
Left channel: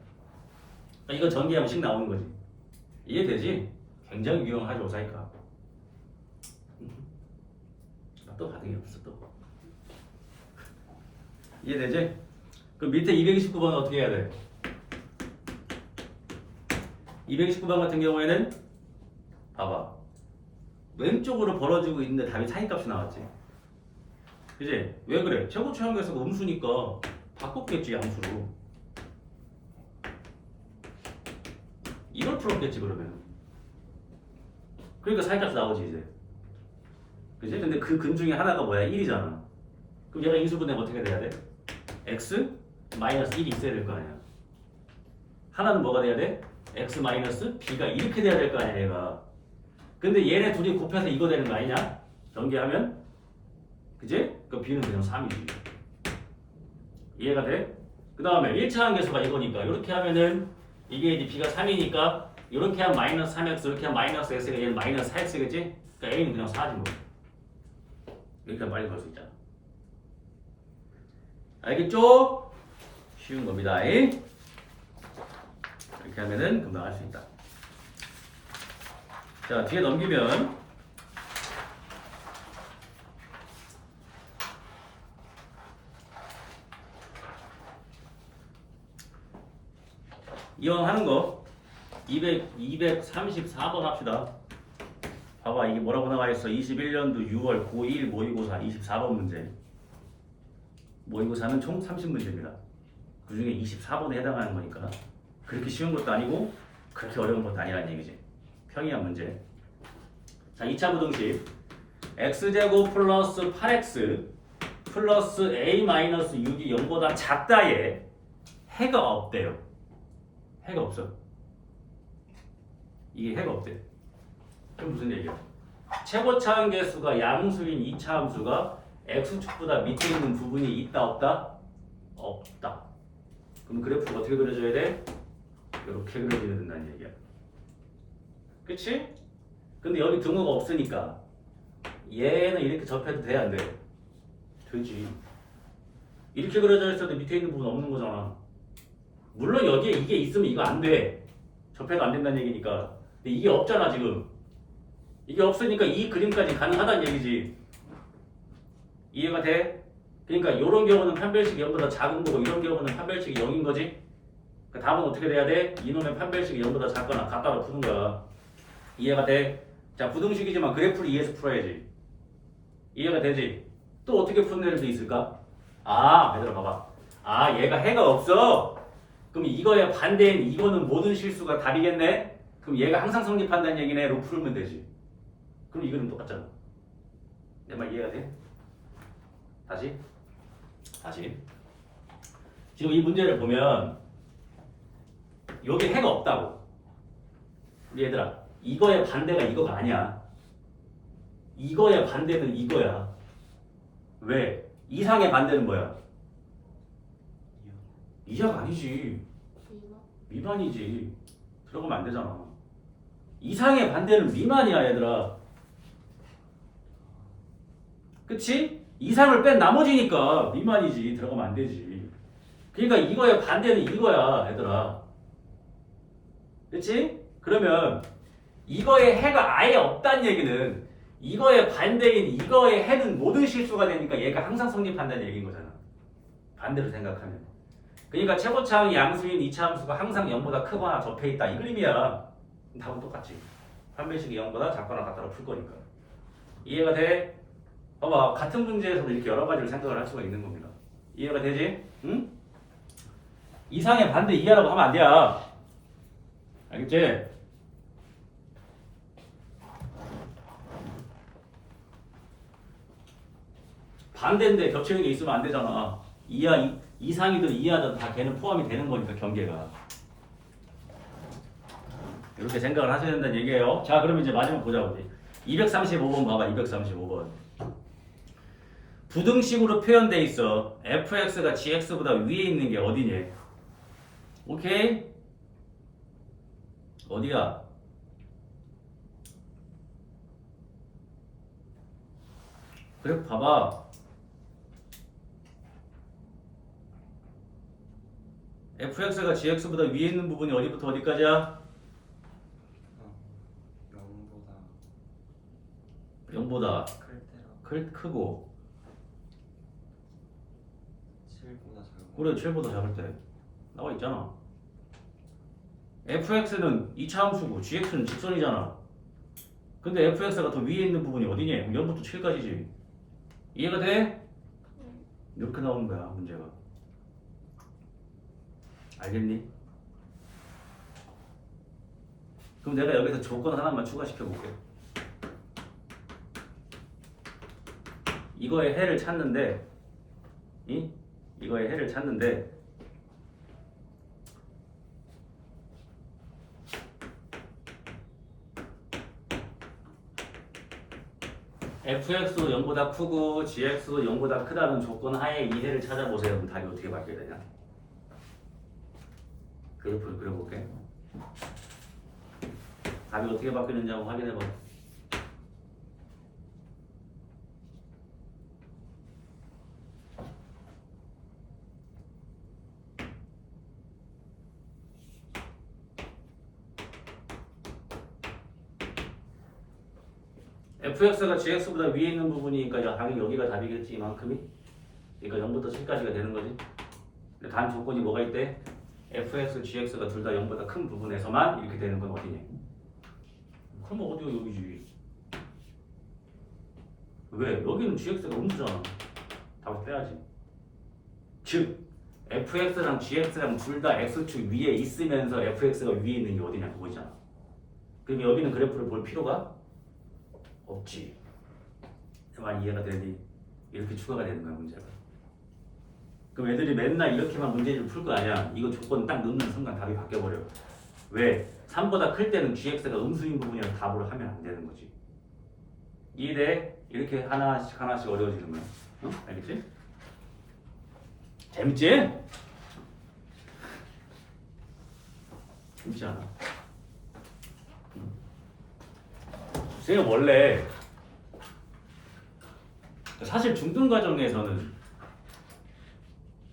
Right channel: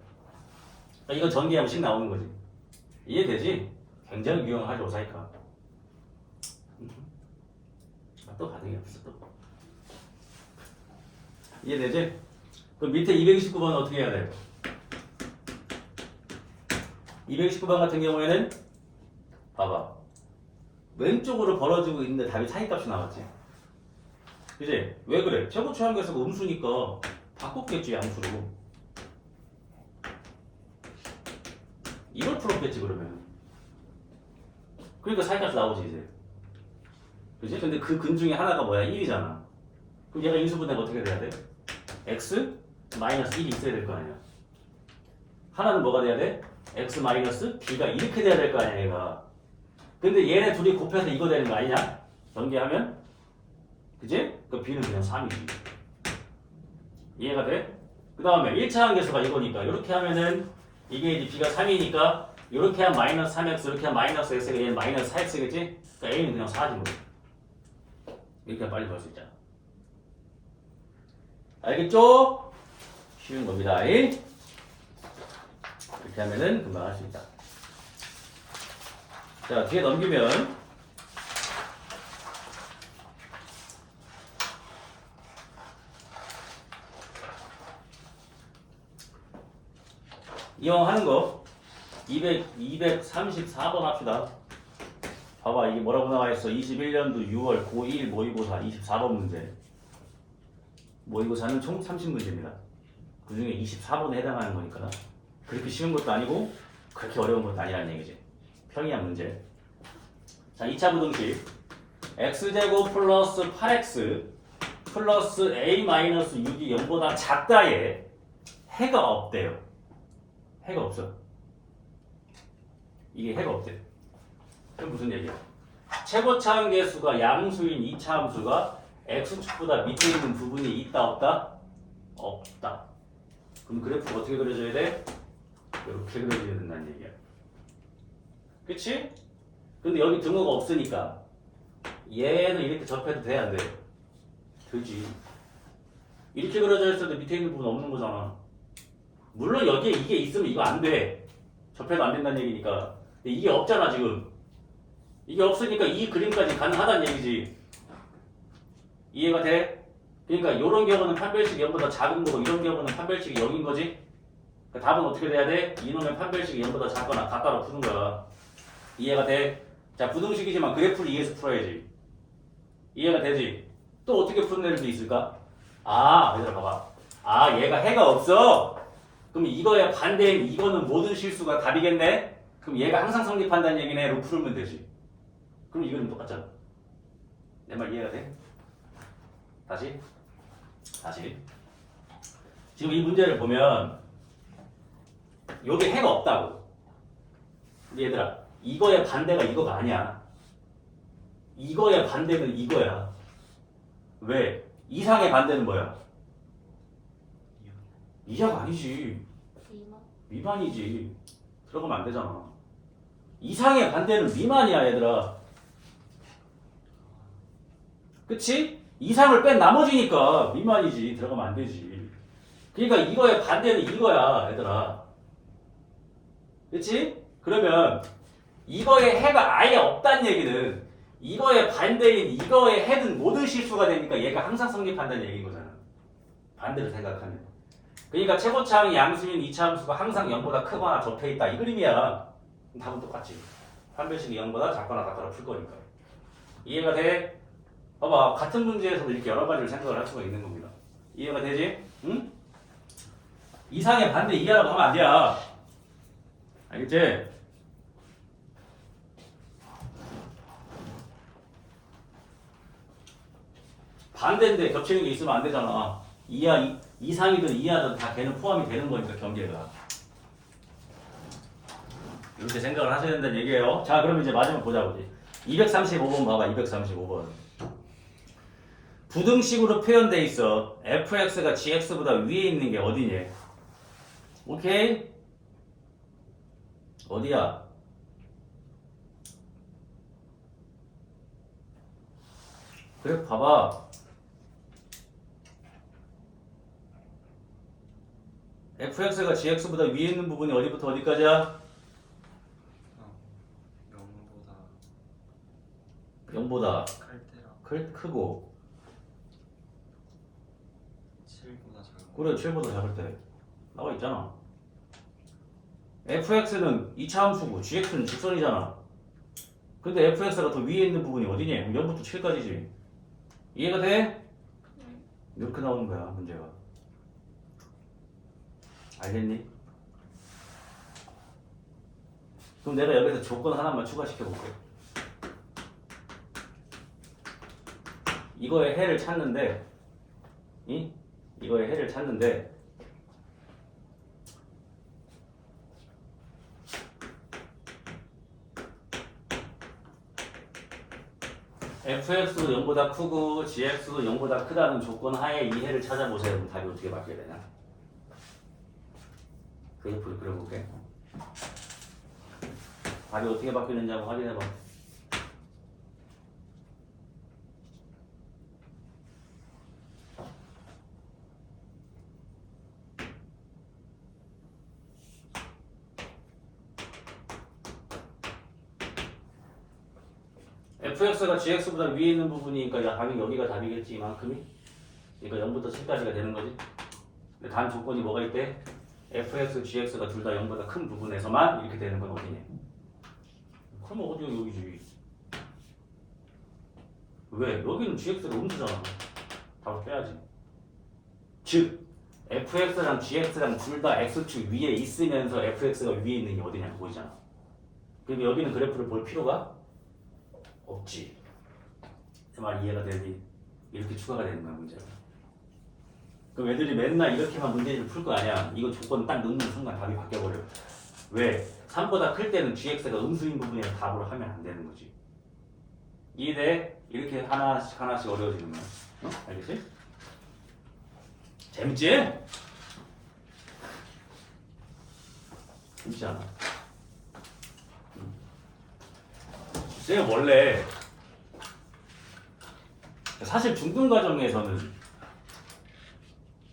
이거 전기하면 식 나오는 거지. 이해되지? 굉장히 유용하죠 사이값. 또 가등이 없어 또. 이해되지? 그럼 밑에 229번은 어떻게 해야 돼? 229번 같은 경우에는 봐봐. 왼쪽으로 벌어지고 있는데 답이 사이값이 나왔지. 그지? 왜 그래? 최고차항 개수가 음수니까 바꿨겠지 양수로. 이걸 풀었겠지 그러면. 그러니까 사이값이 나오지 이제. 그지? 근데 그 근 중에 하나가 뭐야? 1이잖아. 그럼 얘가 인수분해가 어떻게 돼야 돼? x 마이너스 1이 있어야 될 거 아니야. 하나는 뭐가 돼야 돼? x 마이너스 b가 이렇게 돼야 될 거 아니야 얘가. 근데 얘네 둘이 곱해서 이거 되는 거 아니냐? 전개하면 그지? 그 b는 그냥 3이지. 이해가 돼? 그 다음에 1차항 개수가 이거니까 이렇게 하면은 이게 이제 b가 3이니까 이렇게 하면 마이너스 3x 이렇게 하면 마이너스 x가 얘는 마이너스 4x겠지? 그러니까 a는 그냥 4지 뭐. 이렇게 빨리 볼 수 있잖아. 알겠죠? 쉬운 겁니다. 이렇게 하면은 금방 할 수 있다. 자, 뒤에 넘기면 이왕 하는 거 234번 합시다. 봐봐 이게 뭐라고 나와 있어? 21년도 6월 고1 모의고사 24번 문제. 모의고사는 총 30문제입니다. 그 중에 24번에 해당하는 거니까 그렇게 쉬운 것도 아니고 그렇게 어려운 것도 아니라는 얘기지. 평이한 문제. 자, 2차 부등식 x제곱 플러스 8x 플러스 a 마이너스 6이 0보다 작다에 해가 없대요. 해가 없어. 이게 해가 없대. 그럼 무슨 얘기야? 최고차항 계수가 양수인 2차 함수가 x축보다 밑에 있는 부분이 있다 없다? 없다. 그럼 그래프가 어떻게 그려져야 돼? 이렇게 그려져야 된다는 얘기야. 그치? 근데 여기 등호가 없으니까 얘는 이렇게 접해도 돼 안 돼? 되지. 이렇게 그려져 있어도 밑에 있는 부분 없는 거잖아. 물론 여기에 이게 있으면 이거 안 돼. 접해도 안 된다는 얘기니까. 근데 이게 없잖아 지금. 이게 없으니까 이 그림까지 가능하다는 얘기지. 이해가 돼? 그러니까 이런 경우는 판별식이 0보다 작은 거고 이런 경우는 판별식이 0인 거지. 그러니까 답은 어떻게 돼야 돼? 이놈의 판별식이 0보다 작거나 같다로 푸는 거야. 이해가 돼? 자, 부등식이지만 그래프를 이해해서 풀어야지. 이해가 되지? 또 어떻게 푸는 애들도 있을까? 아, 얘들아 봐봐. 아, 얘가 해가 없어? 그럼 이거에 반대인 이거는 모든 실수가 답이겠네? 그럼 얘가 항상 성립한다는 얘기네. 로 풀면 되지. 그럼 이거는 똑같잖아. 내 말 이해가 돼? 다시. 지금 이 문제를 보면 여기 해가 없다고. 근데 얘들아, 이거의 반대가 이거가 아니야. 이거의 반대는 이거야. 왜? 이상의 반대는 뭐야? 이하가 아니지. 미만이지. 들어가면 안 되잖아. 이상의 반대는 미만이야, 얘들아. 그치? 이상을 뺀 나머지니까 미만이지. 들어가면 안 되지. 그러니까 이거의 반대는 이거야, 얘들아. 그치? 그러면 이거의 해가 아예 없다는 얘기는 이거의 반대인 이거의 해는 모든 실수가 되니까 얘가 항상 성립한다는 얘기인 거잖아. 반대로 생각하면. 그러니까 최고차항 양수인 2차 함수가 항상 0보다 크거나 적혀 있다. 이 그림이야. 답은 똑같지. 판별식이 0보다 작거나 같다로 풀 거니까. 이해가 돼? 봐봐. 같은 문제에서도 이렇게 여러 가지를 생각을 할 수가 있는 겁니다. 이해가 되지? 응? 이상의 반대 이하라고 하면 안 돼요. 알겠지? 반대인데 겹치는 게 있으면 안 되잖아. 이하, 이상이든 이하든 다 걔는 포함이 되는 거니까 경계가. 이렇게 생각을 하셔야 된다는 얘기예요. 자, 그러면 이제 마지막 보자고지. 235번 봐봐. 235번. 부등식으로 표현돼 있어. fx가 gx보다 위에 있는 게 어디니? 오케이? 어디야? 그래 봐봐. fx가 gx보다 위에 있는 부분이 어디부터 어디까지야? 0보다 크고 7보다 작은 그래 7보다 작을 때 나와 있잖아. fx는 2차 함수고 gx는 직선이잖아. 근데 fx가 더 위에 있는 부분이 어디니? 0부터 7까지지. 이해가 돼? 이렇게 나오는 거야 문제가. 알겠니? 그럼 내가 여기서 조건 하나만 추가시켜 볼게. 이거의 해를 찾는데 이거의 해를 찾는데 fx도 0보다 크고 gx도 0보다 크다는 조건 하에 이 해를 찾아보세요. 그럼 답이 어떻게 바뀌어야 되냐? 그래프를 그려볼게. 답이 어떻게 바뀌는지 한번 확인해봐. fx가 gx보다 위에 있는 부분이니까 당연히 여기가 답이겠지. 이만큼이. 그러니까 0부터 7까지가 되는 거지. 근데 다음 조건이 뭐가 있대? fx, gx가 둘 다 0보다 큰 부분에서만 이렇게 되는 건 어디냐? 그럼 어디가 여기지? 왜? 여기는 gx가 음수잖아. 답을 빼야지. 즉 fx랑 gx랑 둘 다 x축 위에 있으면서 fx가 위에 있는 게 어디냐? 보이잖아. 그러니까 여기는 그래프를 볼 필요가 없지. 그 말 이해가 되니? 이렇게 추가가 되는 거야 문제가. 그럼 애들이 맨날 이렇게만 문제를 풀 거 아니야. 이거 조건 딱 넣는 순간 답이 바뀌어버려. 왜? 3보다 클 때는 gx가 음수인 부분이라 답으로 하면 안 되는 거지. 2대 이렇게 하나씩 어려워지는 거야. 어? 알겠지? 재밌지? 재밌지 않아? 쟤 원래 사실 중등 과정에서는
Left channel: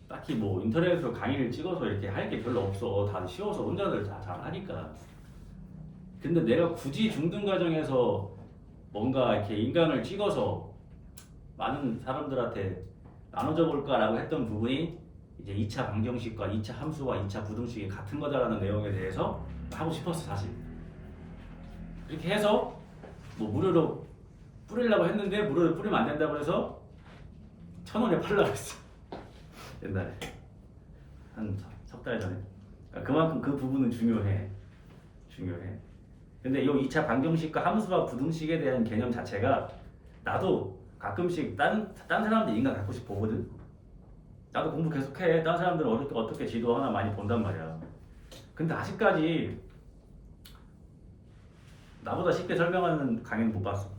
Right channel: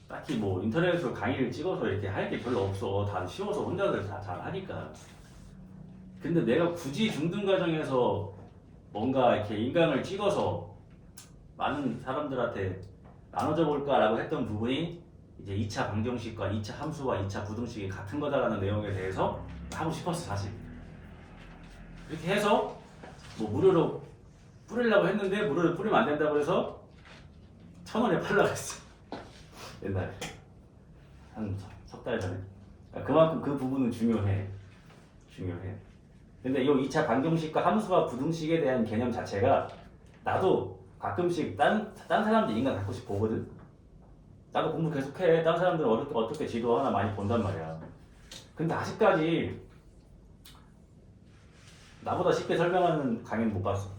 딱히 뭐 인터넷으로 강의를 찍어서 이렇게 할 게 별로 없어. 다들 쉬워서 혼자들 다 잘 하니까. 근데 내가 굳이 중등 과정에서 뭔가 이렇게 인강을 찍어서 많은 사람들한테 나눠줘 볼까라고 했던 부분이 이제 2차 방정식과 2차 함수와 2차 부등식이 같은 거다라는 내용에 대해서 하고 싶었어 사실. 이렇게 해서 뭐 무료로 뿌리려고 했는데 무료로 뿌리면 안 된다고 해서 1,000원에 팔려고 했어. 옛날에 한 석 달 전에. 그만큼 그 부분은 중요해. 근데 이 2차 방정식과 함수와 부등식에 대한 개념 자체가 나도 가끔씩 딴 사람들 인간 가끔씩 보거든. 나도 공부 계속해. 딴 사람들은 어떻게 지도하나 많이 본단 말이야. 근데 아직까지 나보다 쉽게 설명하는 강의는 못 봤어.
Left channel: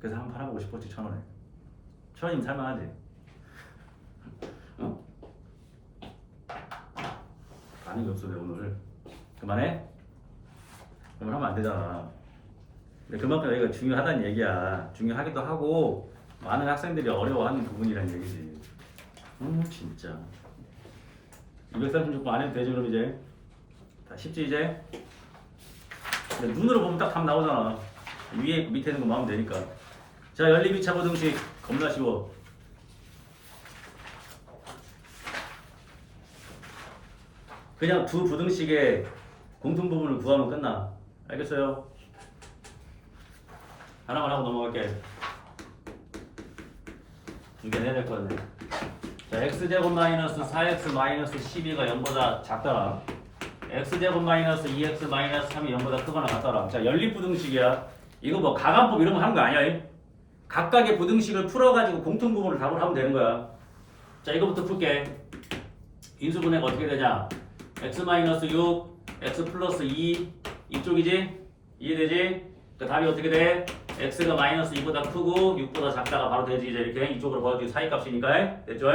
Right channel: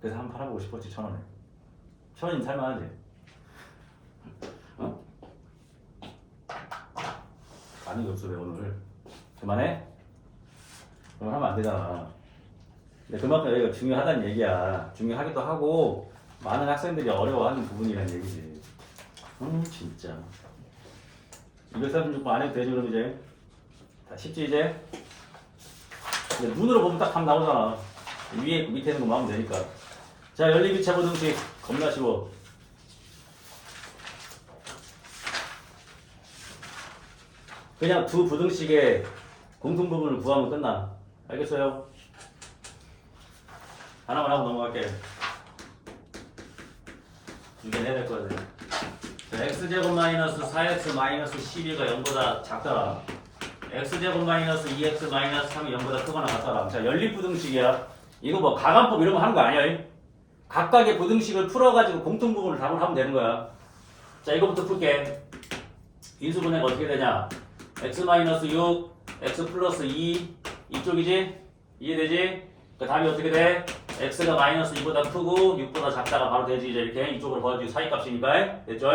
그래서 한번 팔아보고 싶었지. 1,000원에. 1,000원이면 살만하지. 어? 반응이 없어 왜 오늘. 그만해? 그만 하면 안 되잖아. 근데 그만큼 여기가 중요하다는 얘기야. 중요하기도 하고 많은 학생들이 어려워하는 부분이란 얘기지. 진짜 236번 안 해도 되지. 그럼 이제 다 쉽지 이제. 근데 눈으로 보면 딱 답 나오잖아. 위에 있고 밑에 있는 거 마음면 되니까. 자, 연립 2차 부등식 겁나 쉬워. 그냥 두 부등식의 공통 부분을 구하면 끝나. 알겠어요? 하나만 하고 넘어갈게. 이게 내야 될 거네. 자, x제곱 마이너스 4x 마이너스 12가 0보다 작더라. x제곱 마이너스 2x 마이너스 3이 0보다 크거나 같더라. 자, 연립부등식이야. 이거 뭐 가간법 이런 거 하는 거 아니야. 각각의 부등식을 풀어가지고 공통 부분을 답을 하면 되는 거야. 자, 이거부터 풀게. 인수분해가 어떻게 되냐? x 마이너스 6, x 플러스 2 이쪽이지? 이해되지? 그 답이 어떻게 돼? x가 마이너스 2보다 크고 6보다 작다가 바로 되지. 이제 이렇게 이쪽으로 벌어지고 사이값이니까. 됐죠?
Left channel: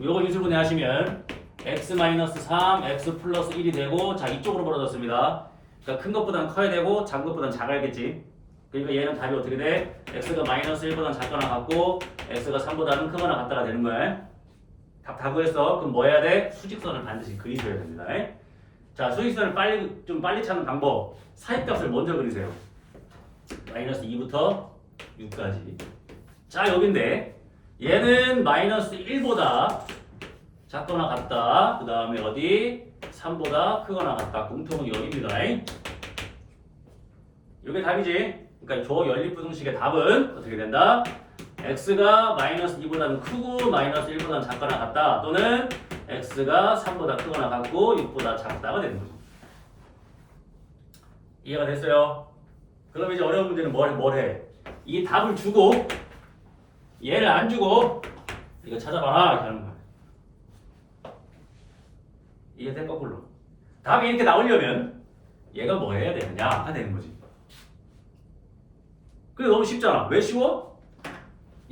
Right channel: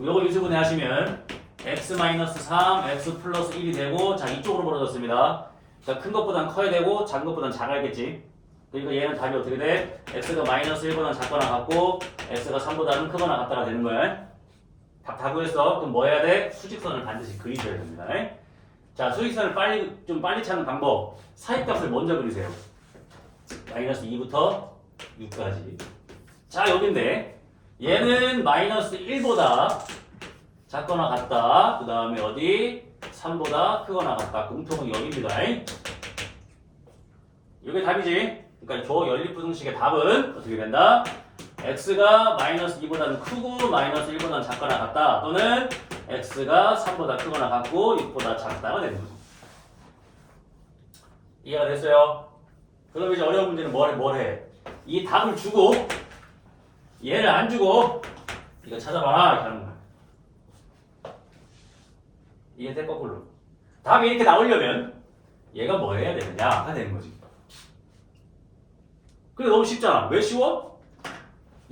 요거 인수분해 하시면 x 마이너스 3, x 플러스 1이 되고, 자, 이쪽으로 벌어졌습니다. 그러니까 큰 것보단 커야 되고 작은 것보단 작아야겠지. 그러니까 얘는 답이 어떻게 돼? x가 마이너스 1보다 작거나 같고 x가 3보다는 크거나 같다가 되는 거야. 답 다 구했어. 그럼 뭐 해야 돼? 수직선을 반드시 그리셔야 됩니다. 자, 수직선을 좀 빨리 찾는 방법. 사이값을 먼저 그리세요. 마이너스 2부터 6까지. 자, 여긴데 얘는 마이너스 1보다 작거나 같다. 그 다음에 어디? 3보다 크거나 같다. 공통은 여기입니다. 이게 답이지. 그러니까 저 연립부등식의 답은 어떻게 된다? x가 마이너스 2보다는 크고 마이너스 1보다는 작거나 같다. 또는 x가 3보다 크거나 같고 6보다 작다가 되는 거죠. 이해가 됐어요? 그럼 이제 어려운 문제는 뭘 해? 이 답을 주고 얘를 안 주고 이거 찾아봐라 이렇게 하는 거야. 이해돼? 거꾸로. 답이 이렇게 나오려면 얘가 뭐 해야 되느냐가 되는 거지. 근데 너무 쉽잖아. 왜 쉬워?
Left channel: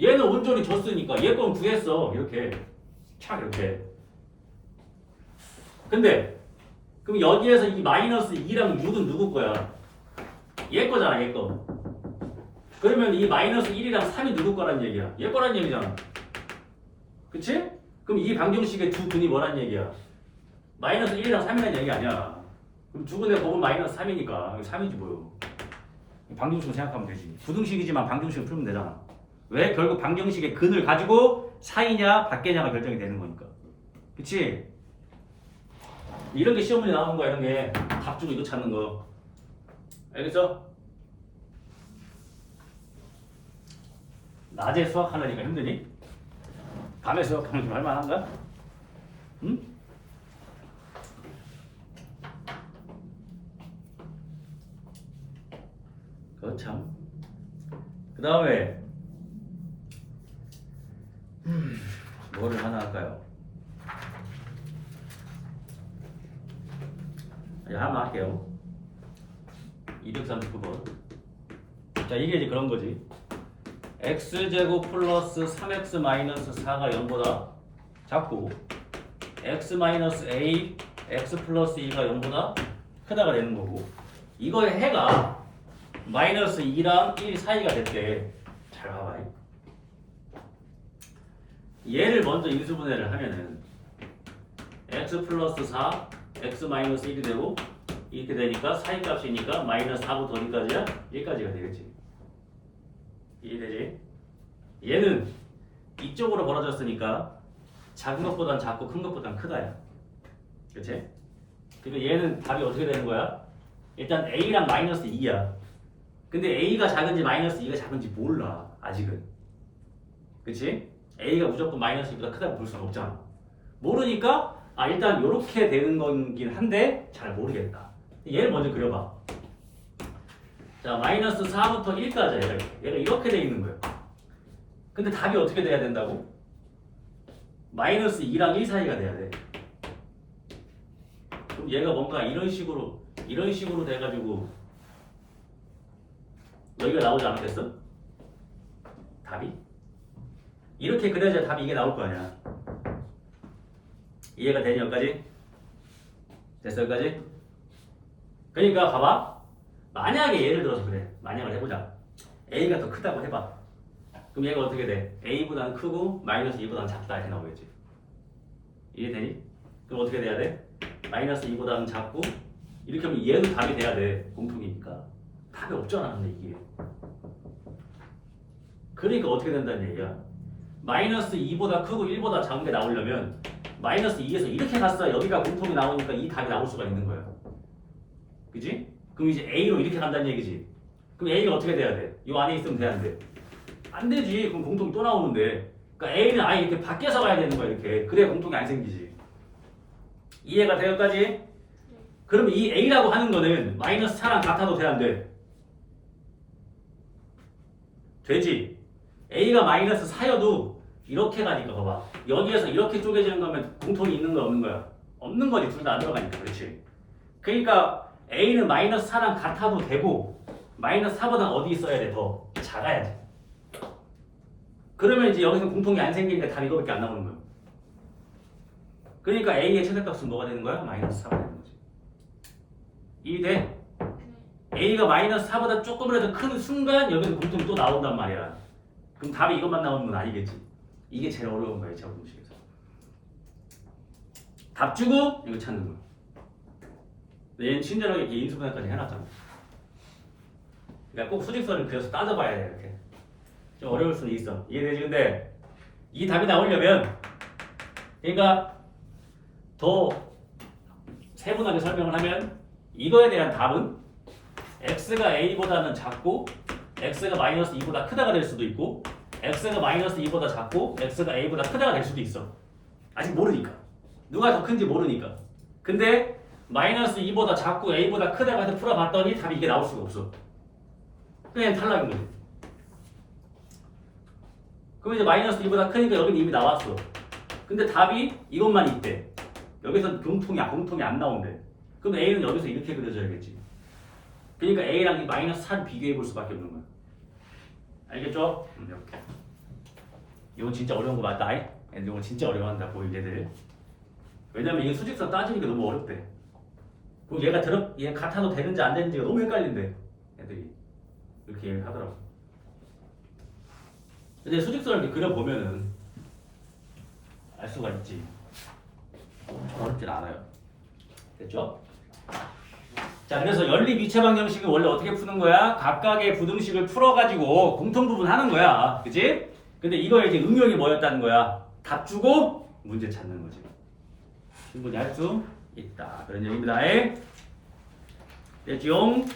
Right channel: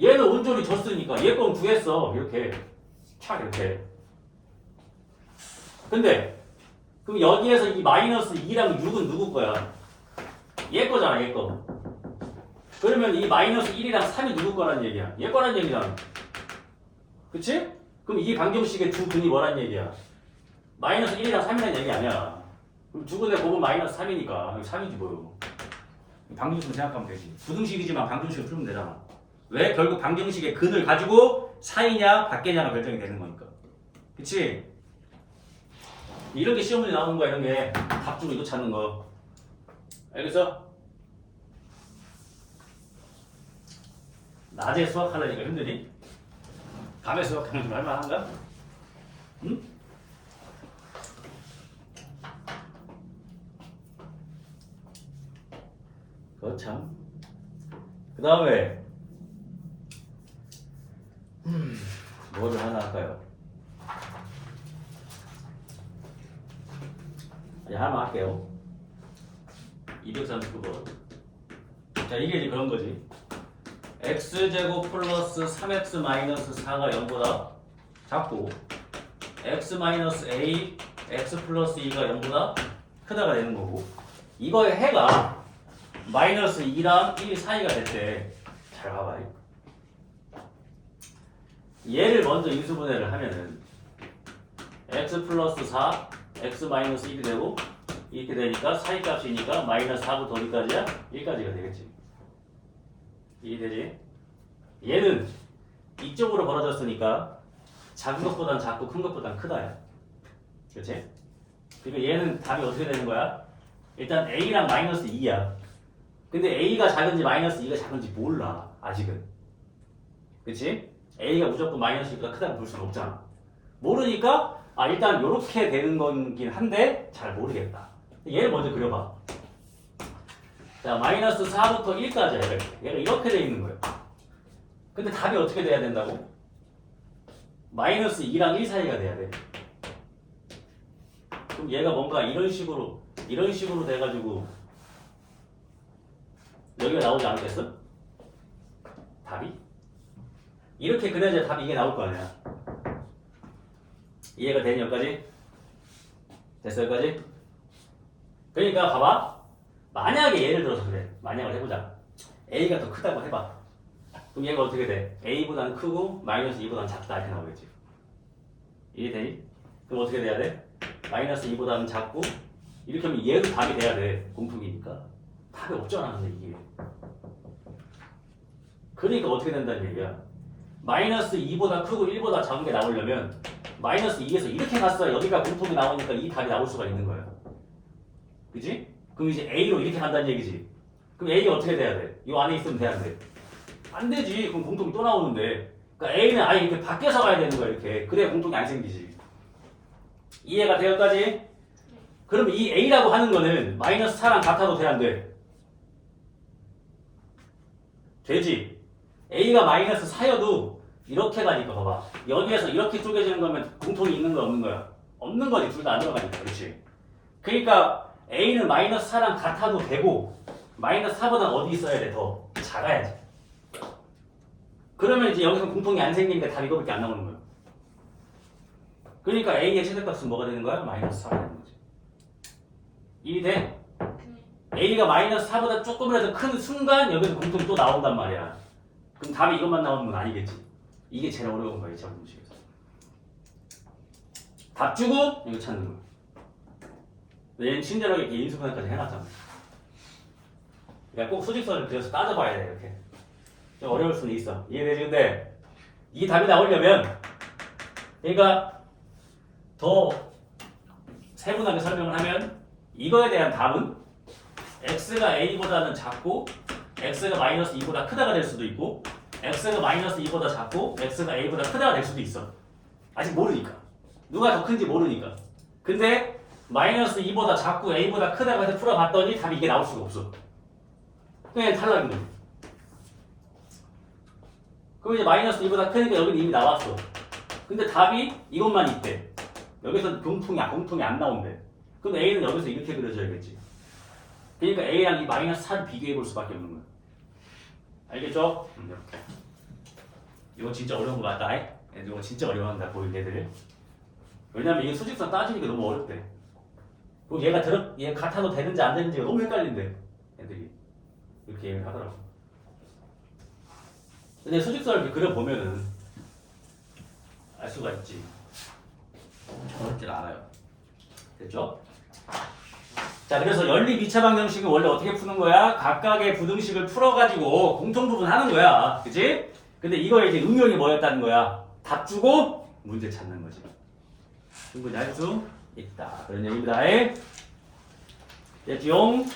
얘는 온전히 졌으니까 얘 건 구했어. 이렇게 착 이렇게. 근데 그럼 여기에서 이 마이너스 2랑 6은 누구 거야? 얘 거잖아. 얘 거. 그러면 이 마이너스 1이랑 3이 누구 거란 얘기야? 얘 거란 얘기잖아. 그치? 그럼 이 방정식의 두 근이 뭐란 얘기야? 마이너스 1이랑 3이란 얘기 아니야. 그럼 두 근의 곱은 마이너스 3이니까 3이지 뭐요. 방정식으로 생각하면 되지. 부등식이지만 방정식을 풀면 되잖아. 왜? 결국 방정식의 근을 가지고 사이냐 밖에냐가 결정이 되는 거니까. 그치? 이런 게 시험 문제 나오는 거야. 이런 게 답 주고 이거 찾는 거. 알겠어? 낮에 수학하려니까 힘드니? 밤에 수학하면 좀 할만한가? 응? 참. 그 다음에 뭐를 하나 할까요? 하나 할게요. 239번. 자, 이게 이제 그런 거지. x제곱 플러스 3x 마이너스 4가 0보다 작고 x 마이너스 a x 플러스 2가 0보다 크다가 되는 거고, 이거의 해가 마이너스 2랑 1 사이가 됐대. 잘 봐봐. 얘를 먼저 인수분해를 하면은 x 플러스 4 x 마이너스 1이 되고, 이렇게 되니까 사이값이니까 마이너스 4부터 어디까지야? 1까지가 되겠지. 이해되지? 얘는 이쪽으로 벌어졌으니까 작은 것보단 작고 큰 것보단 크다야. 그렇지? 그러니까 얘는 답이 어떻게 되는 거야? 일단 a랑 마이너스 2야. 근데 a가 작은지 마이너스 2가 작은지 몰라. 아직은. 그렇지? a가 무조건 마이너스 2보다 크다고 볼 수는 없잖아. 모르니까 일단 이렇게 되는 거긴 한데 잘 모르겠다. 얘를 먼저 그려봐. 자, 마이너스 4부터 1까지 얘가 이렇게 돼 있는 거예요. 근데 답이 어떻게 돼야 된다고? 마이너스 2랑 1 사이가 돼야 돼. 그럼 얘가 뭔가 이런 식으로 돼가지고 여기가 나오지 않겠어? 답이? 이렇게 그려야 답이 이게 나올 거 아니야. 이해가 되니 여기까지? 됐어 여기까지? 그러니까 봐봐. 만약에 예를 들어서 그래. 만약을 해보자. a가 더 크다고 해봐. 그럼 얘가 어떻게 돼? a보다는 크고 마이너스 2보다는 작다 이렇게 나오겠지. 이해되니? 그럼 어떻게 돼야 돼? 마이너스 2보다는 작고, 이렇게 하면 얘도 답이 돼야 돼. 공통이니까. 답이 없잖아 근데 이게. 그러니까 어떻게 된다는 얘기야? 마이너스 2보다 크고 1보다 작은 게 나오려면 마이너스 2에서 이렇게 갔어야 여기가 공통이 나오니까 이 답이 나올 수가 있는 거야. 그지? 그럼 이제 A로 이렇게 간다는 얘기지. 그럼 A가 어떻게 돼야 돼? 이 안에 있으면 돼야 안 돼? 안 되지. 그럼 공통이 또 나오는데. 그러니까 A는 아예 이렇게 밖에서 가야 되는 거야. 이렇게. 그래야 공통이 안 생기지. 이해가 돼 여기까지? 그럼 이 A라고 하는 거는 마이너스 4랑 같아도 돼 안 돼? 되지. A가 마이너스 4여도 이렇게 가니까 봐봐. 여기에서 이렇게 쪼개지는 거면 공통이 있는 거야 없는 거야? 없는 거지. 둘 다 안 들어가니까. 그렇지. 그러니까 A는 마이너스 4랑 같아도 되고 마이너스 4보다 어디 있어야 돼? 더 작아야지. 그러면 이제 여기서 공통이 안 생기니까 답이 이거밖에 안 나오는 거예요. 그러니까 A의 최대값은 뭐가 되는 거야? 마이너스 4가 되는 거지. 이해돼? A가 마이너스 4보다 조금이라도 큰 순간 여기서 공통이 또 나온단 말이야. 그럼 답이 이것만 나오는 건 아니겠지. 이게 제일 어려운 거야. 2차 방정식에서. 답 주고 이거 찾는 거야. 얘는 친절하게 이렇게 인수분해까지 해놨잖아. 그러니까 꼭 수직선을 그려서 따져봐야 돼. 이렇게 좀 어려울 수는 있어. 이해되지? 근데 이 답이 나오려면 그러니까 더 세분하게 설명을 하면 이거에 대한 답은 x가 a보다는 작고 x가 마이너스 2보다 크다가 될 수도 있고 x가 마이너스 2보다 작고 x가 a보다 크다가 될 수도 있어. 아직 모르니까. 누가 더 큰지 모르니까. 근데 마이너스 2보다 작고 a보다 크다고 해서 풀어봤더니 답이 이게 나올 수가 없어. 그냥 탈락인 거지. 그럼 이제 마이너스 2보다 크니까 여기는 이미 나왔어. 근데 답이 이것만 있대. 여기서 공통이 안 나온대. 그럼 a는 여기서 이렇게 그려져야겠지. 그러니까 a랑 이 마이너스 4를 비교해 볼 수밖에 없는 거야. 알겠죠? 이렇게. 이건 진짜 어려운 거 맞다. 이건 진짜 어려워한다. 보일 얘들. 왜냐면 이게 수직선 따지니까 너무 어렵대. 그리고 얘 같아도 되는지 안 되는지가 너무 헷갈린대. 애들이 이렇게 얘기를 하더라고. 근데 수직선을 이렇게 그려보면은 알 수가 있지. 엄청 어렵진 않아요. 됐죠? 자, 그래서 연립 2차 방정식은 원래 어떻게 푸는 거야? 각각의 부등식을 풀어가지고 공통부분 하는 거야. 그치? 근데 이거에 이제 응용이 뭐였다는 거야? 답 주고 문제 찾는 거지. 충분히 할 수 있다. 그런 얘기입니다. 됐지용?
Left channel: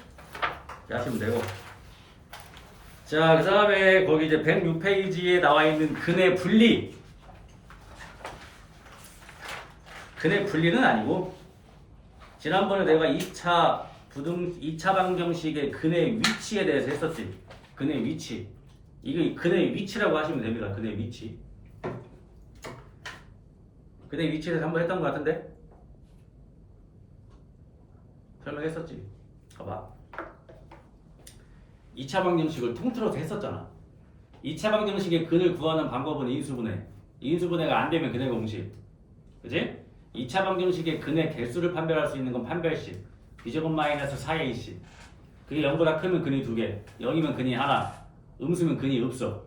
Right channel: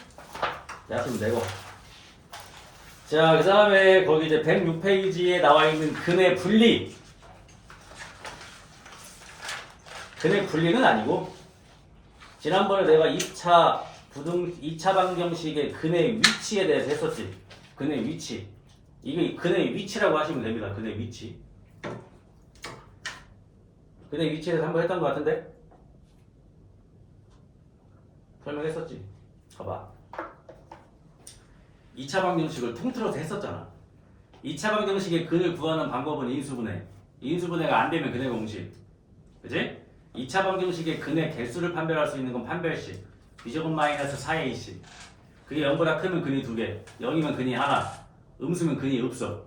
하시면 되고. 자, 그 다음에 거기 이제 106페이지에 나와 있는 근의 분리. 근의 분리는 아니고, 지난번에 내가 2차 방정식의 근의 위치에 대해서 했었지. 근의 위치. 이게 근의 위치라고 하시면 됩니다. 근의 위치. 근의 위치에 대해서 한번 했던 것 같은데? 설명했었지. 봐봐. 2차 방정식을 통틀어서 했었잖아. 2차 방정식의 근을 구하는 방법은 인수분해. 인수분해가 안 되면 근의 공식. 그치? 2차 방정식의 근의 개수를 판별할 수 있는 건 판별식. b제곱 마이너스 4ac. 그게 0보다 크면 근이 2개, 0이면 근이 하나, 음수면 근이 없어.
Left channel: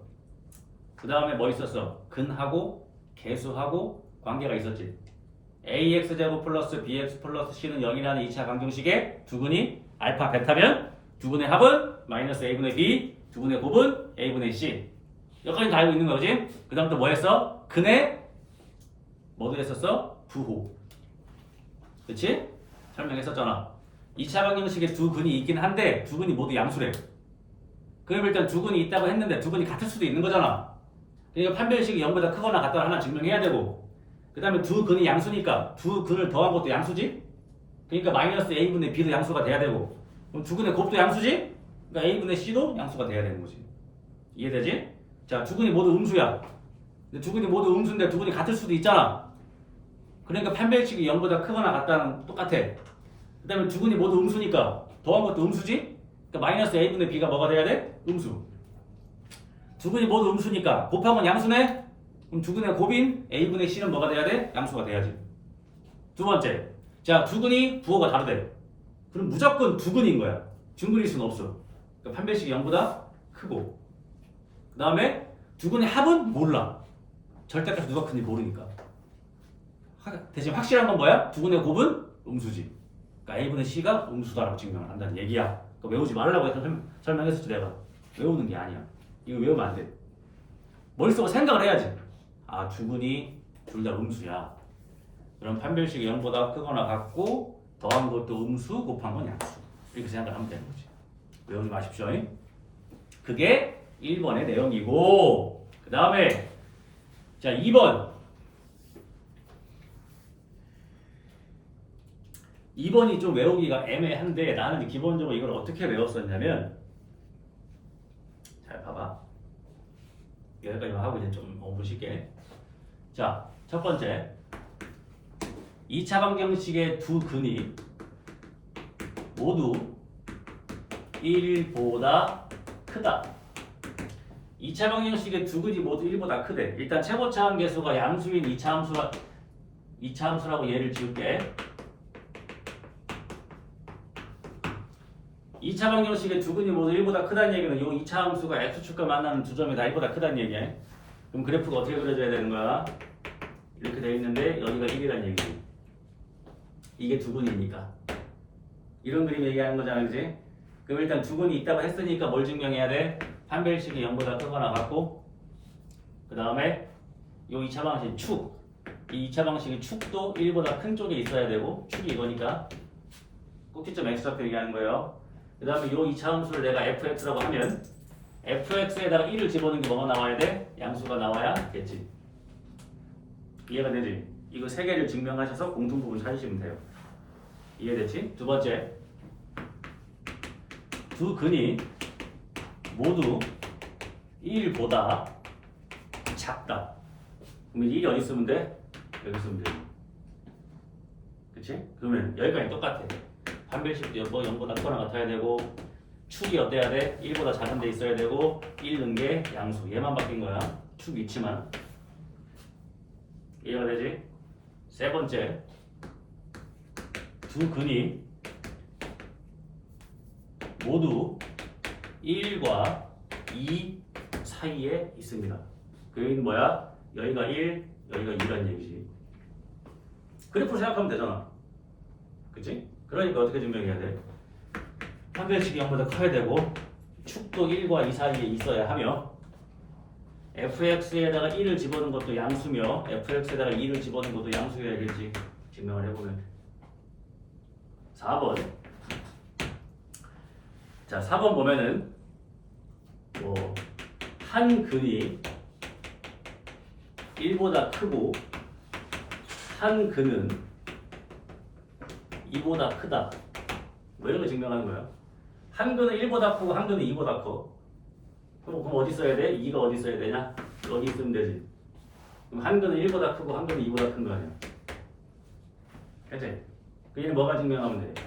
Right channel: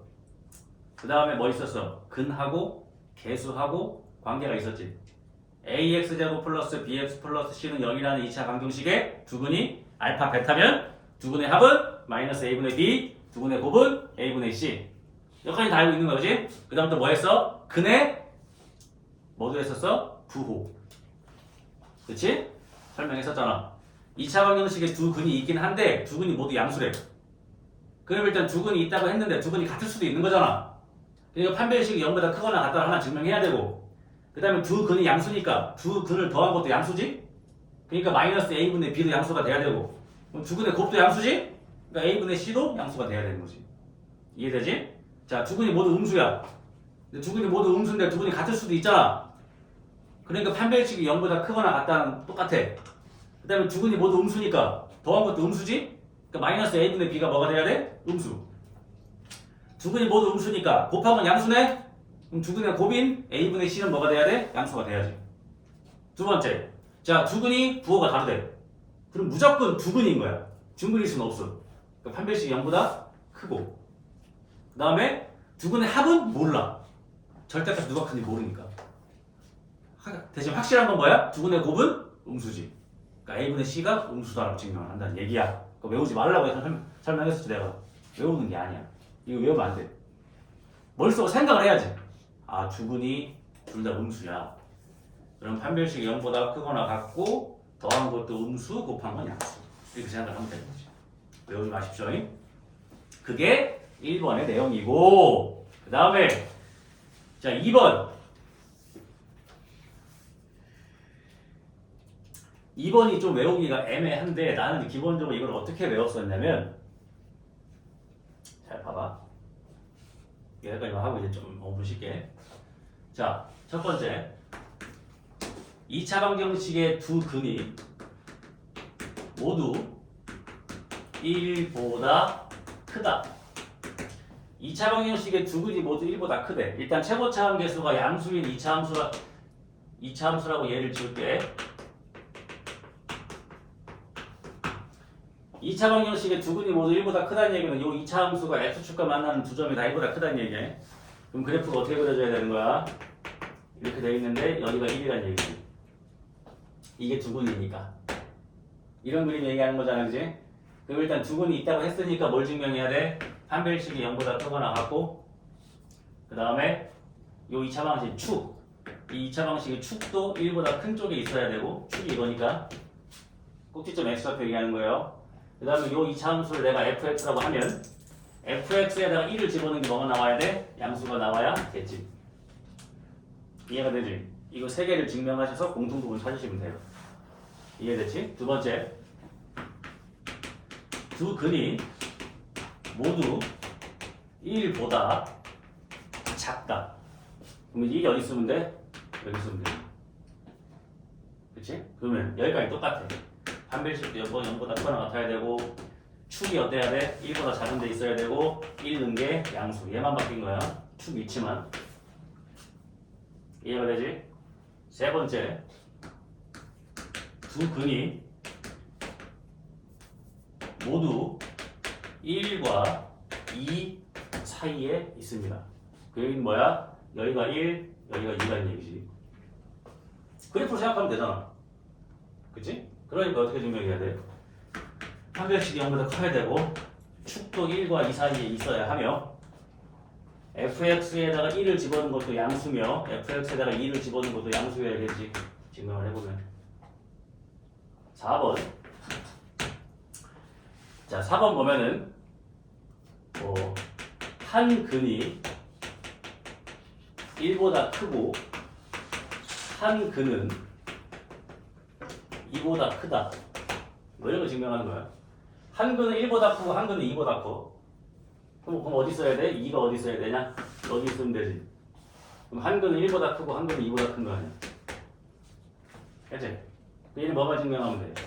그 다음에 뭐 있었어? 근하고 개수하고 관계가 있었지. ax제곱 플러스 bx 플러스 c는 0이라는 2차 방정식의 두 근이 알파 베타면 두 근의 합은 마이너스 a분의 b, 두 근의 곱은 a분의 c. 여기까지 다 알고 있는 거지? 그 다음 또 뭐 했어? 근의 뭐도 했었어? 부호. 그치? 설명했었잖아. 2차 방정식에 두 근이 있긴 한데 두 근이 모두 양수래. 그럼 일단 두 근이 있다고 했는데 두 근이 같을 수도 있는 거잖아. 그러니까 판별식이 0보다 크거나 같다 하나 증명해야 되고, 그 다음에 두 근이 양수니까 두 근을 더한 것도 양수지? 그러니까 마이너스 a분의 b도 양수가 돼야 되고, 그럼 두 근의 곱도 양수지? 그러니까 a분의 c도 양수가 돼야 되는 거지. 이해되지? 자, 두 근이 모두 음수야. 근데 두 근이 모두 음수인데 두 근이 같을 수도 있잖아. 그러니까 판별식이 0보다 크거나 같다는 똑같아. 그 다음에 두 근이 모두 음수니까 더한 것도 음수지? 그러니까 마이너스 a분의 b가 뭐가 돼야 돼? 음수. 두 근이 모두 음수니까 곱하면 양수네? 그럼 두 근의 곱인 a분의 c는 뭐가 돼야 돼? 양수가 돼야지. 두 번째, 자, 두 근이 부호가 다르대. 그럼 무조건 두 근인 거야. 중근일 수는 없어. 그러니까 판별식이 0보다 크고, 그 다음에 두 근의 합은 몰라. 절대값 누가 큰지 모르니까. 대신 확실한 건 뭐야? 두 근의 곱은 음수지. 그러니까 a분의 c가 음수다라고 증명을 한다는 얘기야. 그러니까 외우지 말라고 설명했었지 내가. 외우는 게 아니야. 이거 외우면 안 돼. 머릿속으로 생각을 해야지. 아, 두 근이 둘 다 음수야. 그럼 판별식이 0보다 크거나 같고 더한 것도 음수, 곱한 건 양수. 이렇게 생각을 하면 되는 거지. 외우지 마십시오. 그게 1번의 내용이고, 그 다음에 자, 2번. 2번이 좀 외우기가 애매한데 나는 기본적으로 이걸 어떻게 외웠었냐면, 잘 봐봐. 여기까지만 하고 이제 좀 보실게. 자, 첫 번째, 2차 방정식의 두 근이 모두 1보다 크다. 2차 방정식의 두 근이 모두 1보다 크대. 일단 최고차함 계수가 양수인 2차 함수라고 예를 지을게. 2차 방정식의 두 근이 모두 1보다 크다는 얘기는 이 2차 함수가 x축과 만나는 두 점이 다 1보다 크다는 얘기야. 그럼 그래프가 어떻게 그려져야 되는 거야? 이렇게 되어 있는데 여기가 1이라는 얘기지. 이게 두 근이니까. 이런 그림 얘기하는 거잖아, 그지? 그럼 일단 두 근이 있다고 했으니까 뭘 증명해야 돼? 판별식이 0보다 크거나 같고, 그 다음에 이 2차 방식 축. 이 2차 방식의 축도 1보다 큰 쪽에 있어야 되고, 축이 이거니까 꼭지점 x좌표 얘기하는 거예요. 그 다음에 이 2차 함수를 내가 fx라고 하면 fx에다가 1을 집어넣는 게 뭐가 나와야 돼? 양수가 나와야겠지. 이해가 되지? 이거 세 개를 증명하셔서 공통부분 찾으시면 돼요. 이해됐지? 두 번째, 두 근이 모두 1보다 작다. 그러면 1이 어디 있으면 돼? 여기 있으면 돼. 그치? 그러면 여기까지 똑같아. 판별식도 0보다 크거나 같아야 되고, 축이 어때야 돼? 1보다 작은 데 있어야 되고, 1 넣은 게 양수. 얘만 바뀐 거야. 축 위치만. 이해가 되지? 세 번째, 두 근이 모두 1과 2 사이에 있습니다. 그 여기는 뭐야? 여기가 1, 여기가 2라는 얘기지. 그래프로 생각하면 되잖아. 그치? 그러니까 어떻게 증명해야 돼? 판별식이 0보다 커야 되고, 축도 1과 2 사이에 있어야 하며, fx에다가 1을 집어넣은 것도 양수며 fx에다가 2를 집어넣은 것도 양수여야겠지. 증명을 해보면. 4번. 자, 4번 보면은 한 근이 1보다 크고 한 근은 2보다 크다. 뭐 이런 거 증명하는 거야. 한 근은 1보다 크고 한 근은 2보다 커. 그럼 어디 써야 돼? 2가 어디 써야 되냐? 여기 있으면 되지. 그럼 한 근은 1보다 크고 한 근은 2보다 큰 거 아니야? 그치? 얘는 뭐가 증명하면 돼?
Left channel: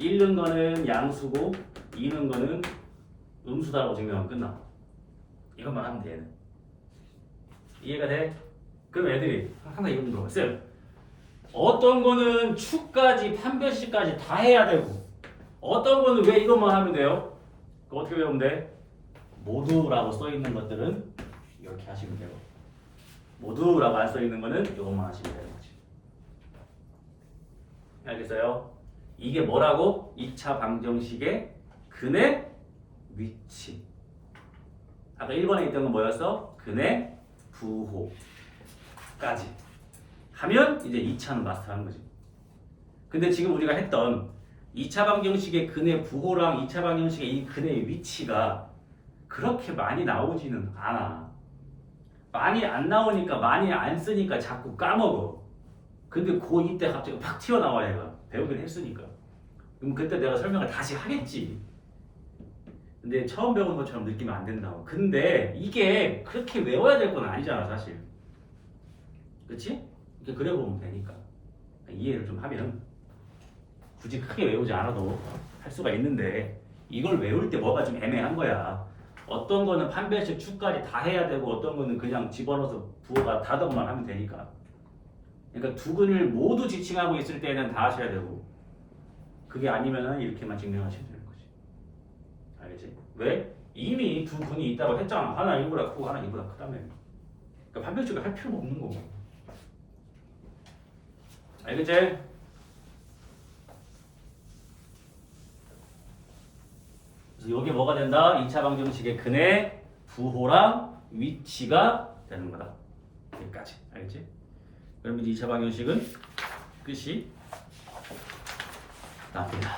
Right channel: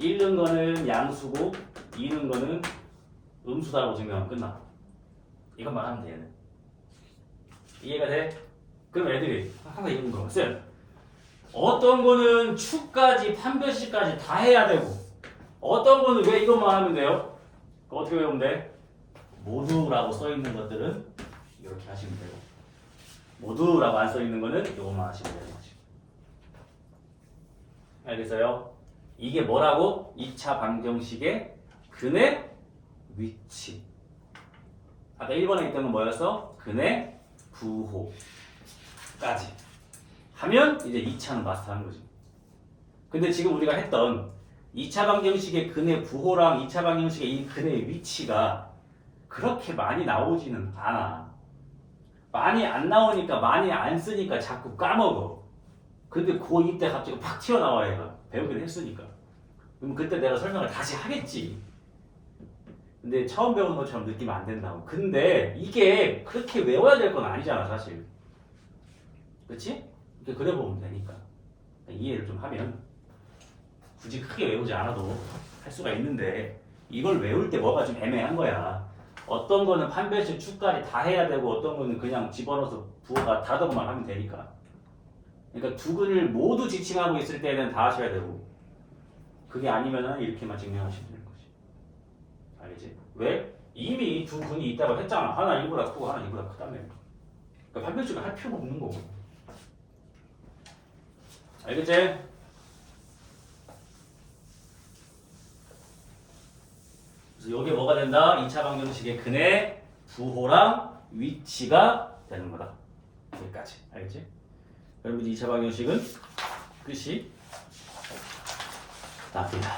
1는 거는 양수고 2는 거는 음수다라고 증명하면 끝나. 이것만 하면 돼. 얘는. 이해가 돼? 그럼 애들이 항상 이거 물어봐. 쌤, 어떤 거는 축까지 판별식까지 다 해야 되고 어떤 거는 왜 이것만 하면 돼요? 어떻게 외우면 돼? 모두라고 써 있는 것들은 이렇게 하시면 되고 모두라고 안 써 있는 거는 이것만 하시면 되는 거지. 알겠어요? 이게 뭐라고? 2차 방정식의 근의 위치. 아까 1번에 있던 건 뭐였어? 근의 부호까지 하면 이제 2차는 마스터한 거지. 근데 지금 우리가 했던 2차 방정식의 근의 부호랑 2차 방정식의 이 근의 위치가 그렇게 많이 나오지는 않아. 많이 안 나오니까 많이 안 쓰니까 자꾸 까먹어. 근데 고2 때 갑자기 팍 튀어나와 얘가. 배우긴 했으니까. 그럼 그때 내가 설명을 다시 하겠지. 근데 처음 배우는 것처럼 느끼면 안 된다고. 근데 이게 그렇게 외워야 될 건 아니잖아 사실. 그치? 이렇게 그려보면 되니까. 이해를 좀 하면 굳이 크게 외우지 않아도 할 수가 있는데 이걸 외울 때 뭐가 좀 애매한 거야. 어떤 거는 판별식 축까지 다 해야 되고 어떤 거는 그냥 집어넣어서 부호가 다던만 하면 되니까. 그러니까 두 근을 모두 지칭하고 있을 때는 다 하셔야 되고 그게 아니면은 이렇게만 증명하시면 되는 거지. 알겠지? 왜? 이미 두 근이 있다고 했잖아. 하나 이보다 크고 하나 이보다 크다며. 그러니까 판별식을 할 필요가 없는 거고. 알겠지? 그래서 이게 뭐가 된다? 2차 방정식의 근의 부호랑 위치가 되는 거다. 여기까지. 알겠지? 그러면 2차 방정식은 끝이 납니다.